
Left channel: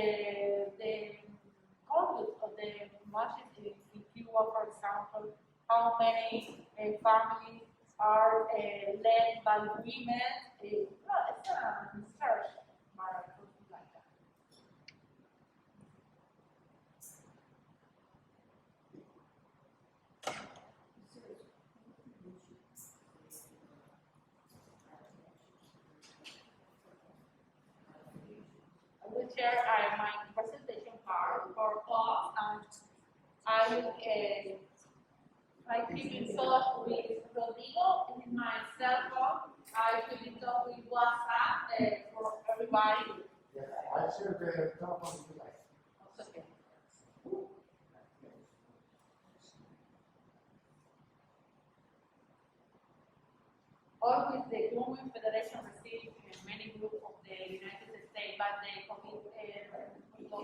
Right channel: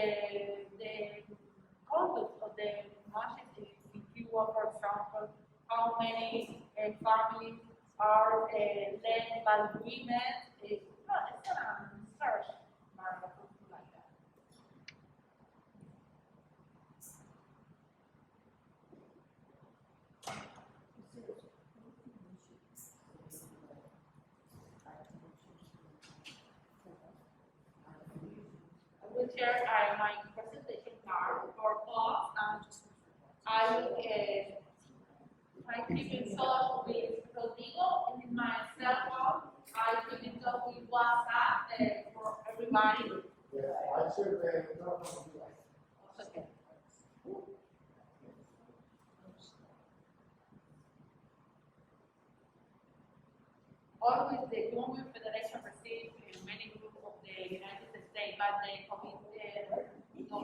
conduct of the masses in Cuba, for example, how many families are led by women. It's a research, something like that. I will share my presentation card for us, and I keep in touch with Rodrigo in my cell phone. I keep in touch with WhatsApp for everybody. Yeah, I should talk on you like. Okay. Always the Cuban Federation received many groups of the United States, but the COVID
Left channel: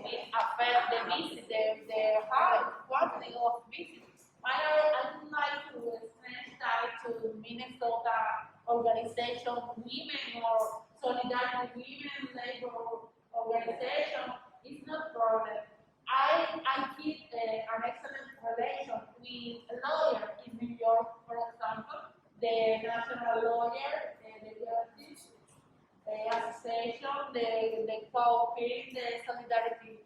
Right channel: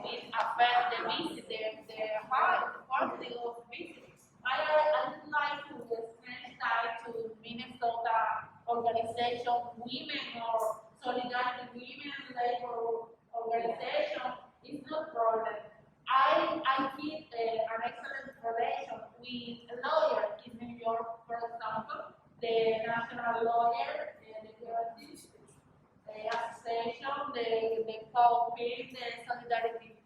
it affects the visit, the high quantity of visits. I would like to extend that to Minnesota organization, women or solidarity women labor organization. It's not problem. I keep an excellent relation with a lawyer in New York, for example, the national lawyer, the justice association, the COPIN, the solidarity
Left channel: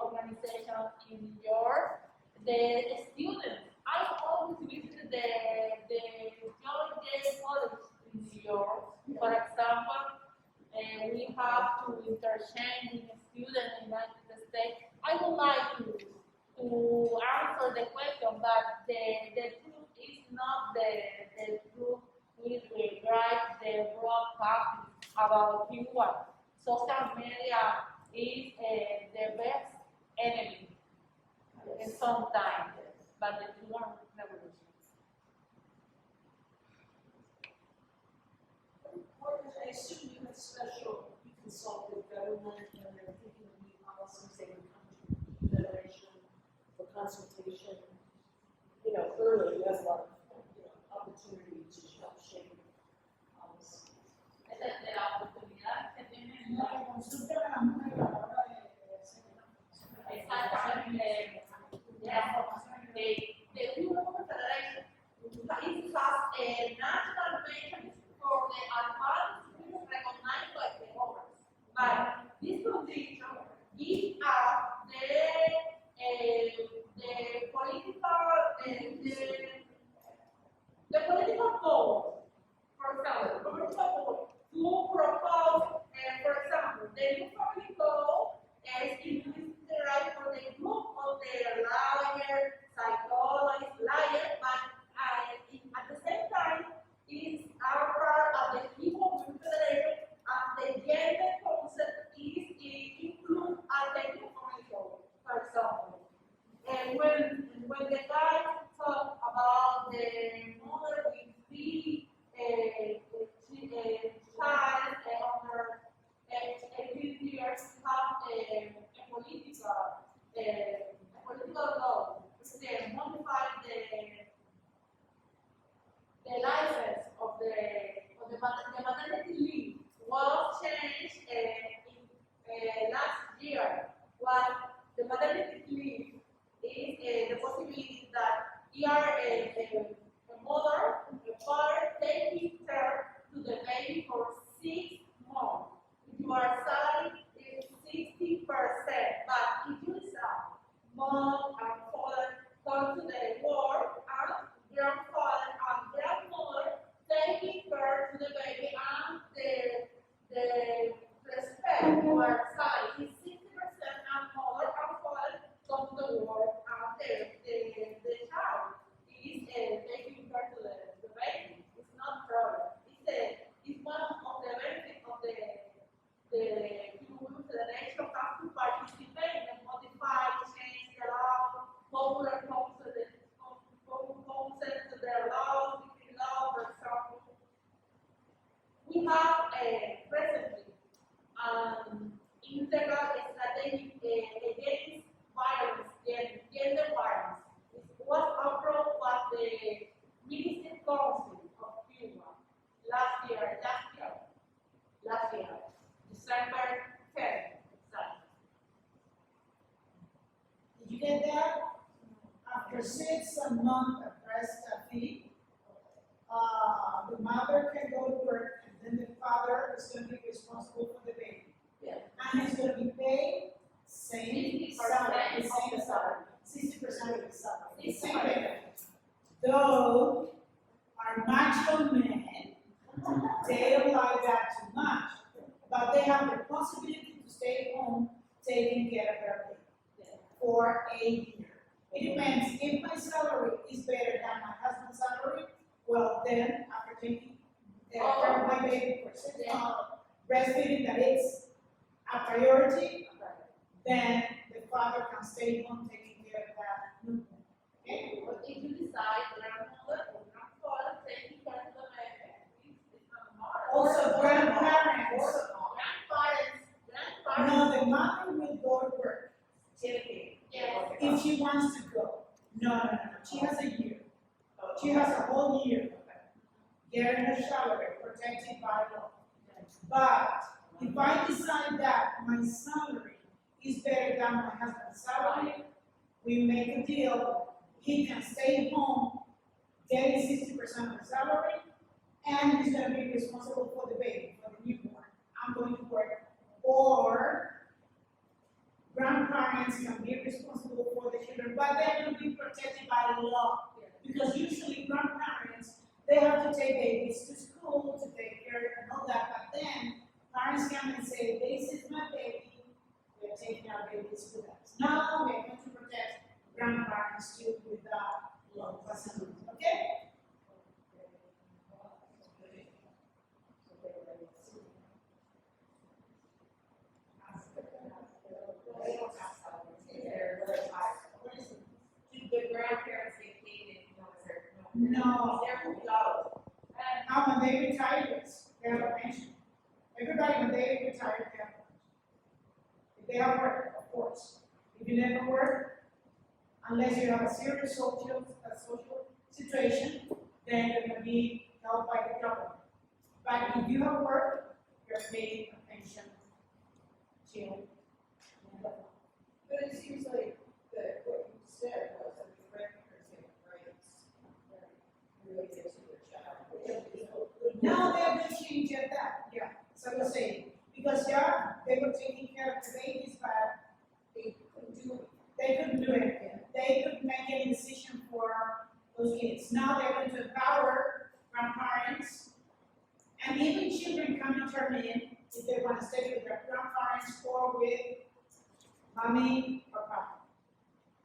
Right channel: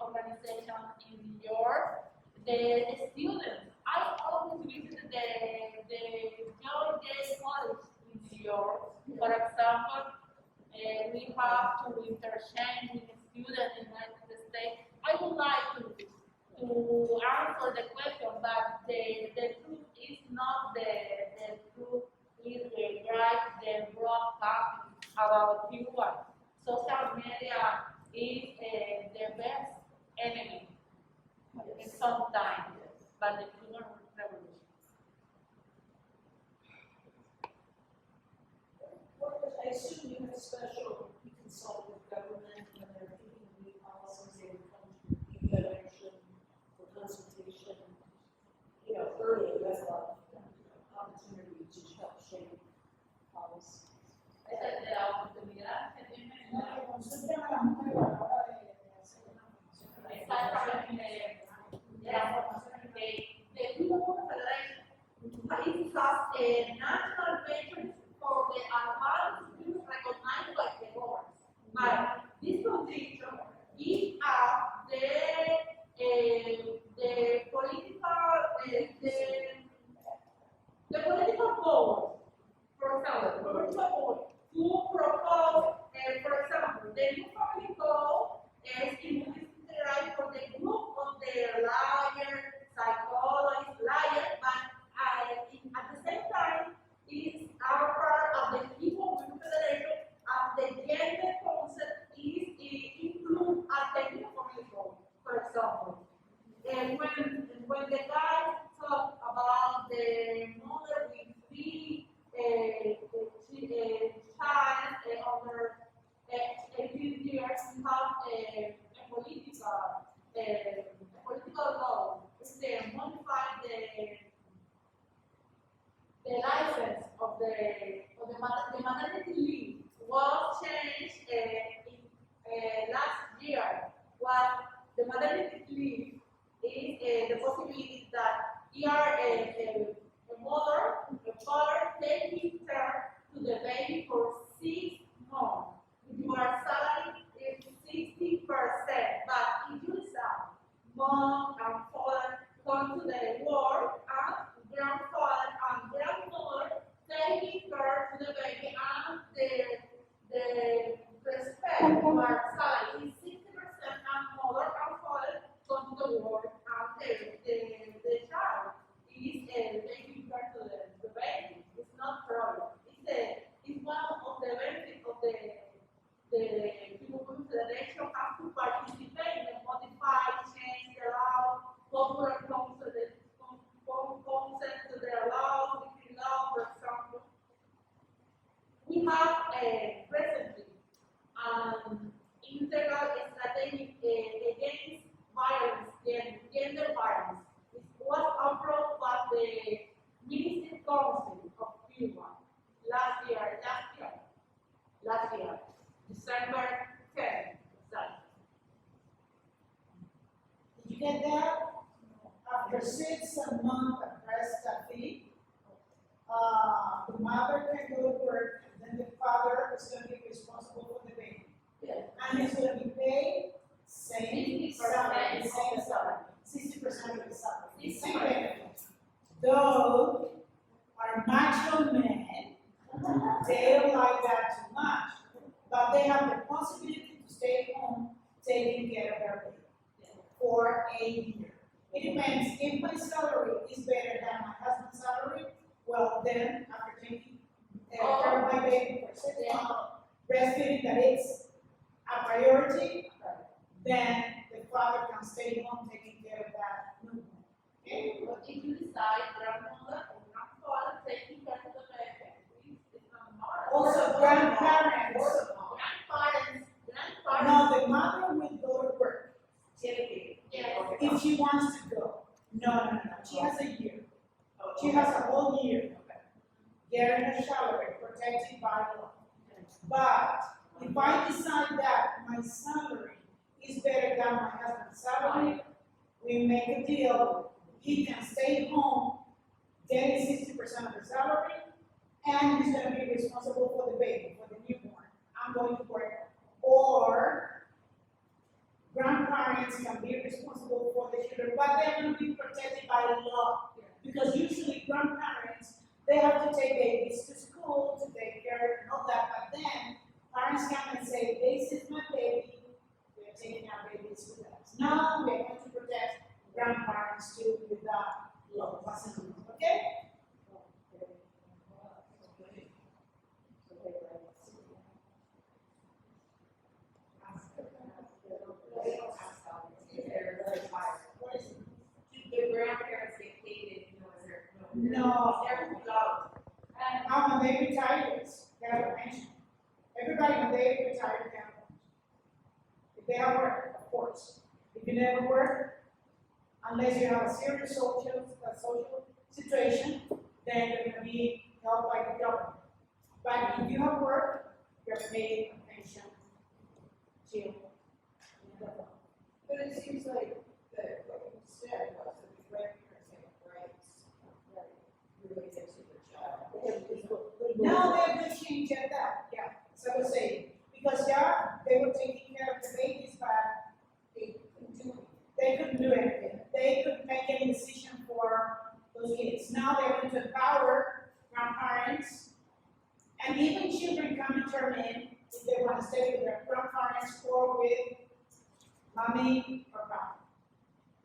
organization in New York, the students. I always visit the John Jay College in New York. For example, we have to interchange with a student in the United States. I would like to answer the question, but the truth is not the truth is the broadcasting about Cuba. Social media is the best enemy in some time, but the Cuban Revolution. I assume you have special, you consult with government when they're thinking of new policies, they would come to the Cuban Federation for consultation. You know, early, you have a lot of opportunity to help shape policies. Esa es la oportunidad que tienen. La consulta a la mujer a la hora de hacer una función. Exactamente. The Cuban Federation it has a national mechanism for the advanced women recognized by the government. But this condition is the political power, for example, political power to propose, for example, the new family code is in the right for the group of the lawyer, psychologist, liar, but at the same time, is our part of the Cuban Federation, and the gender concept is included as the new family code, for example. And when the guys talk about the mother with three child under 18 years, we have a political law which modify the license of the maternity leave was changed last year. What the maternity leave is the possibility that you are a mother, a father taking care to the baby for 6 months. If your salary is 60%, but if you decide mom and father come to the work and grandfather and grandmother taking care to the baby and the respect your salary is 60% and mother and father come to the work and the child is taking care to the baby. It's not problem. It's one of the benefits of the Cuban Federation has to participate and modify, change the law, popular consent to their laws, decree law, for example. We have recently integral strategy against violence, gender violence. It was approved by the Ministry Council of Cuba last year, December 10th, exactly. Did you get that? After 6 months of breastfeeding, the mother can go to work, and then the father is going to be responsible for the baby. Yes. And he's going to be paid same 60% salary, of the same salary. 60% of the salary, the 60%. same benefits. Though our macho men, they don't like that too much, but they have the possibility to stay home taking care of their baby for a year. It depends. If my salary is better than my husband's salary, well then after taking care of my baby for 6 months, breastfeeding that it's a priority, then the father can stay home taking care of that newborn. Okay? But if you decide grandmother or grandfather taking care of the baby, it's not matter. Also grandparents. Grandparents. No, the mother will go protected by law. But if I decide that my salary is better than my husband's salary, we make a deal. He can stay home, getting 60% of the salary, and he's gonna be responsible for the baby, for the newborn. I'm going to work. Or grandparents can be responsible for the children, but they're gonna be protected by the law. Because usually grandparents, they have to take babies to school, to take care and all that, but then parents come and say, this is my baby, we're taking our babies with us. Now we're going to protect grandparents too with that law, okay? The grandparents get paid No. they're low. When they retire, they have a pension. Everybody, when they retire, they have a pension. If they have work, of course. If you never work, unless you have a serious social situation, then you're gonna be helped by the government. But if you have work, you're paid a pension till But it seems like that what you said was that the grandparents have rights related to their child. now they're gonna change at that, yeah, so I was saying, because they were taking care of the babies, but they couldn't do anything. They couldn't make any decision for those kids. Now they're going to empower grandparents, and even children can determine if they want to stay with their grandparents or with mommy or papa,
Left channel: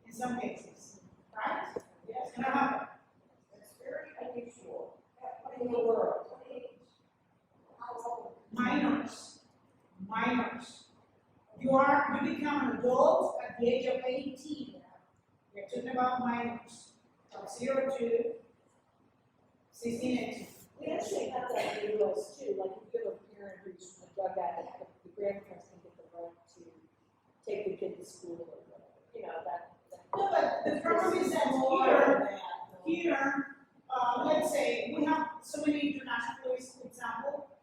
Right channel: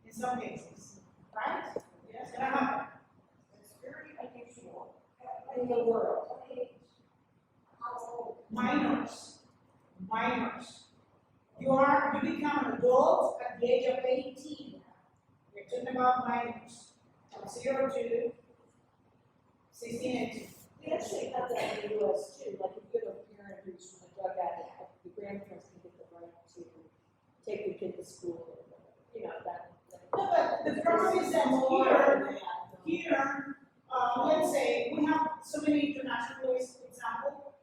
in some cases, right? Yes, and I have that. It's very unusual in the world. Minors. You become an adult at the age of 18. We're talking about minors, from 0 to 16, 18. We actually have that in the US too, like if you have a parent who's a drug addict, the grandparents can get the right to take the kid to school or whatever, you know, that. No, but the problem is that here, let's say, we have so many internationalists, for example,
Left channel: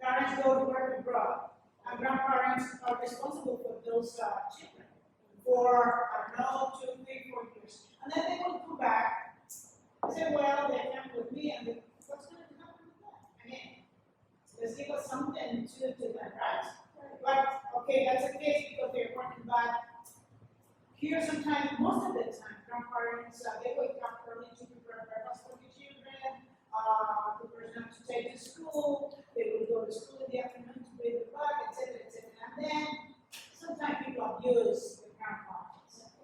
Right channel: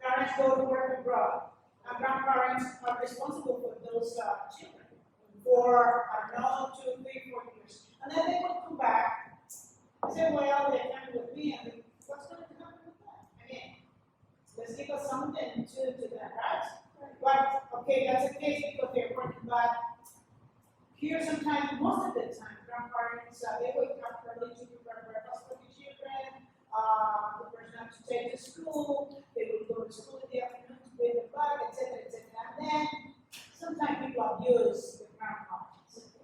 parents go to work abroad, and grandparents are responsible for those children for, I don't know, 2, 3, 4 years. And then they will come back and say, well, they're coming with me, and what's going to happen with that? Again, let's give us something to them, right? But, okay, that's the case because they're working, but here sometimes, most of the time, grandparents, they wake up early to prepare breakfast for the children, the person has to take to school, they will go to school in the afternoon to bring the bag, etc., etc. And then sometimes people abuse the grandparents.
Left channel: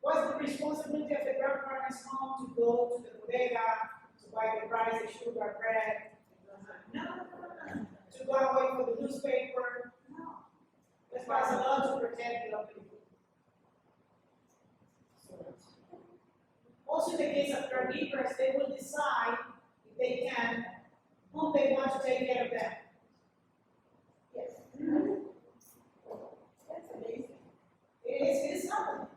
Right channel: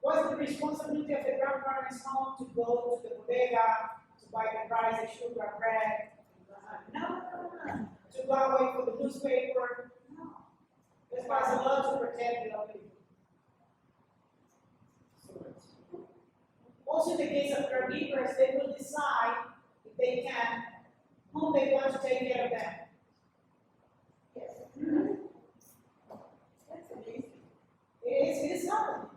What's the responsibility of the grandparents home to go to the bodega, to buy the rice, the sugar, bread? No. To go away for the newspaper? No. Let's pass a law to protect the elderly. Also, in the case of caregivers, they will decide if they can, whom they want to take care of them. Yes. That's amazing. It is happening.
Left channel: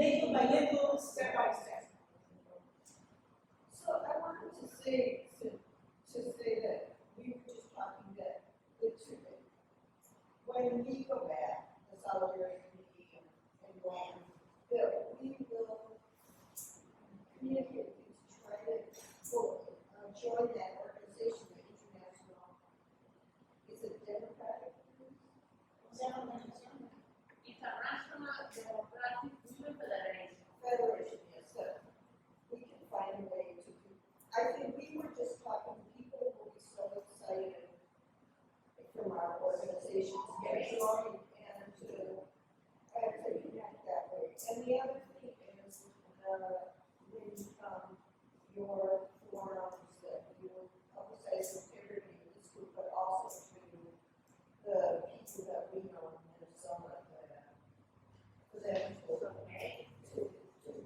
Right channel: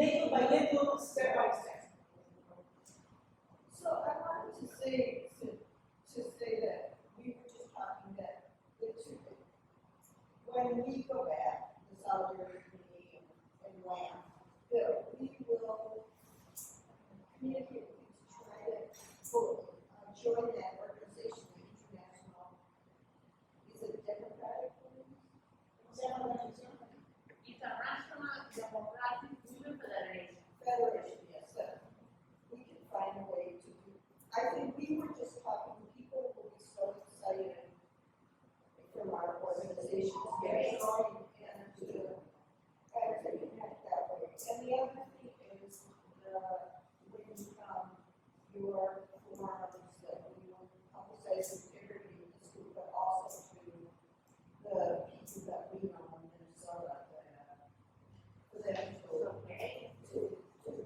Little by little, step by step. So I wanted to say that we were just talking that when we go back, the Solidarity Committee and WAM, that we will communicate to try to join that organization, the international, is it democratic? International Democratic Cuban Federation. Federation, yes, that we can find a way to do. I think we were just talking, people will be so excited from our organizations getting joined and to connect that way. And the other thing is, when your forums that we will publicize integrity in this group, but also to the people that we know in Minnesota that, for them to.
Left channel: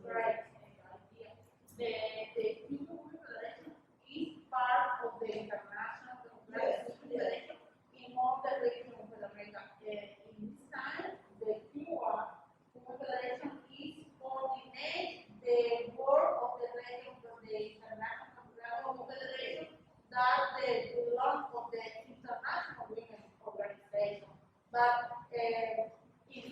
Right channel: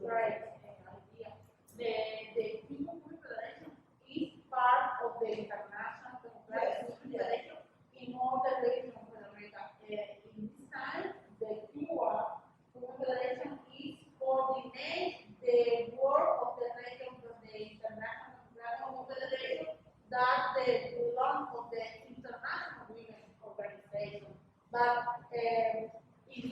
Right, idea. The Cuban Federation is part of the International Democratic Federation in all the regional federations. But in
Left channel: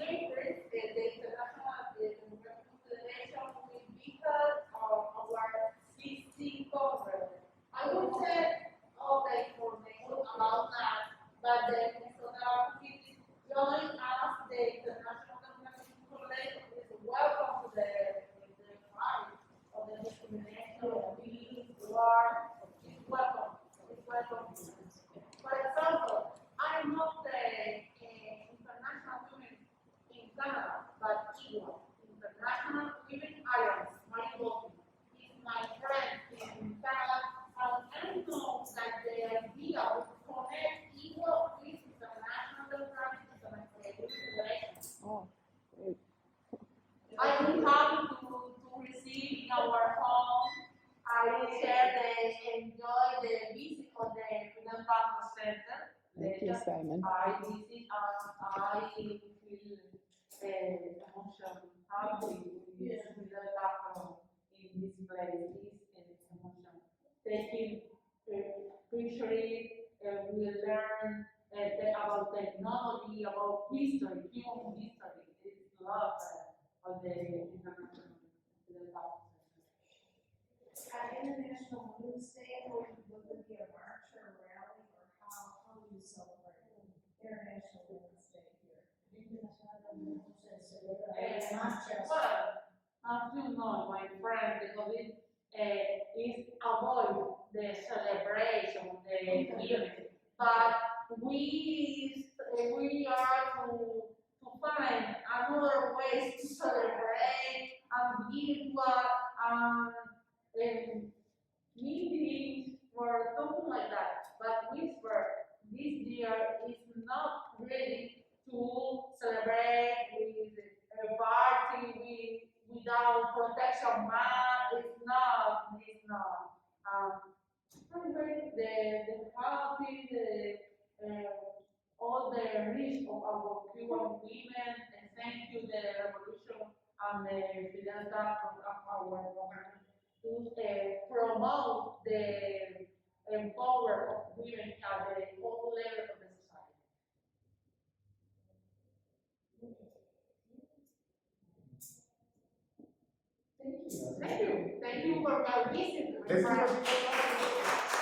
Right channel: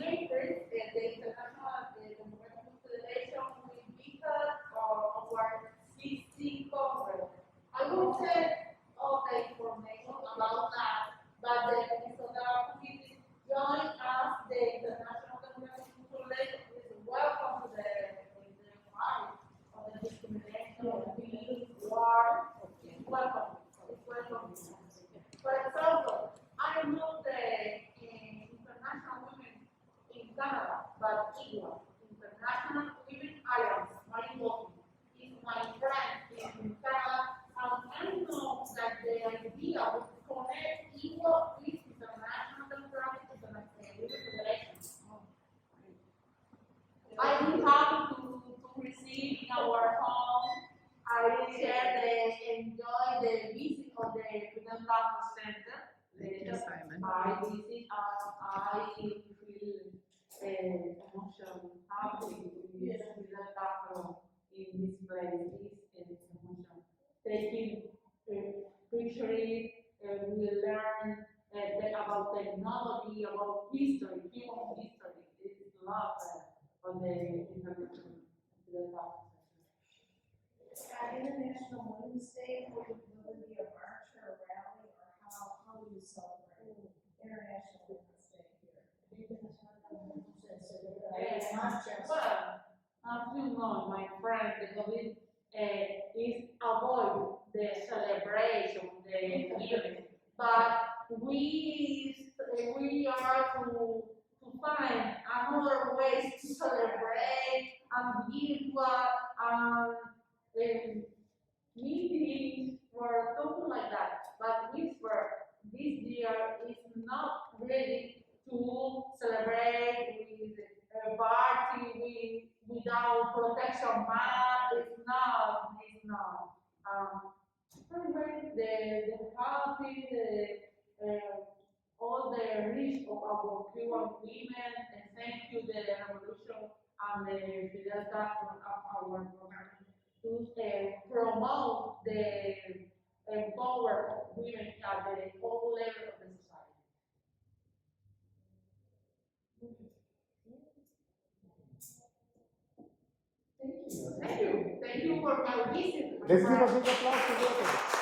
latest, the International Democratic Federation will be held on our 16th Congress. I will send all the information about that, but the Minnesota community join us, the International Democratic Federation is welcome to the fight of the discrimination, peace, war, it's welcome. It's welcome. For example, I know the International Women in Canada, but equal. International Women Alliance, Marigold, is my friend in Canada, and I know that the idea would connect equal with International Democratic Women Federation. Oh, great. I will have to receive in our home. I share enjoy the visit of the Cuban Center. Thank you, Simon. I visit I feel emotion happy with the background in this place, this emotion. Taking pictures, we learn about technology, about history, human history. It's love of the international. International Women's Day, will it be a march or a rally, or how do you celebrate International Women's Day here? Well, as you know, my friend, the COVID is avoid the celebration, the event, but we are to find another ways to celebrate and give meetings or something like that. But this year is not ready to celebrate with a party without protection mask. It's not. Celebrate the happy, all the rich of our Cuban women, and thank you the revolution and the Fidel Castro of our government to promote the power of women at the whole level of the society. Thank you. Thank you. Thank you for my visit. Thank you.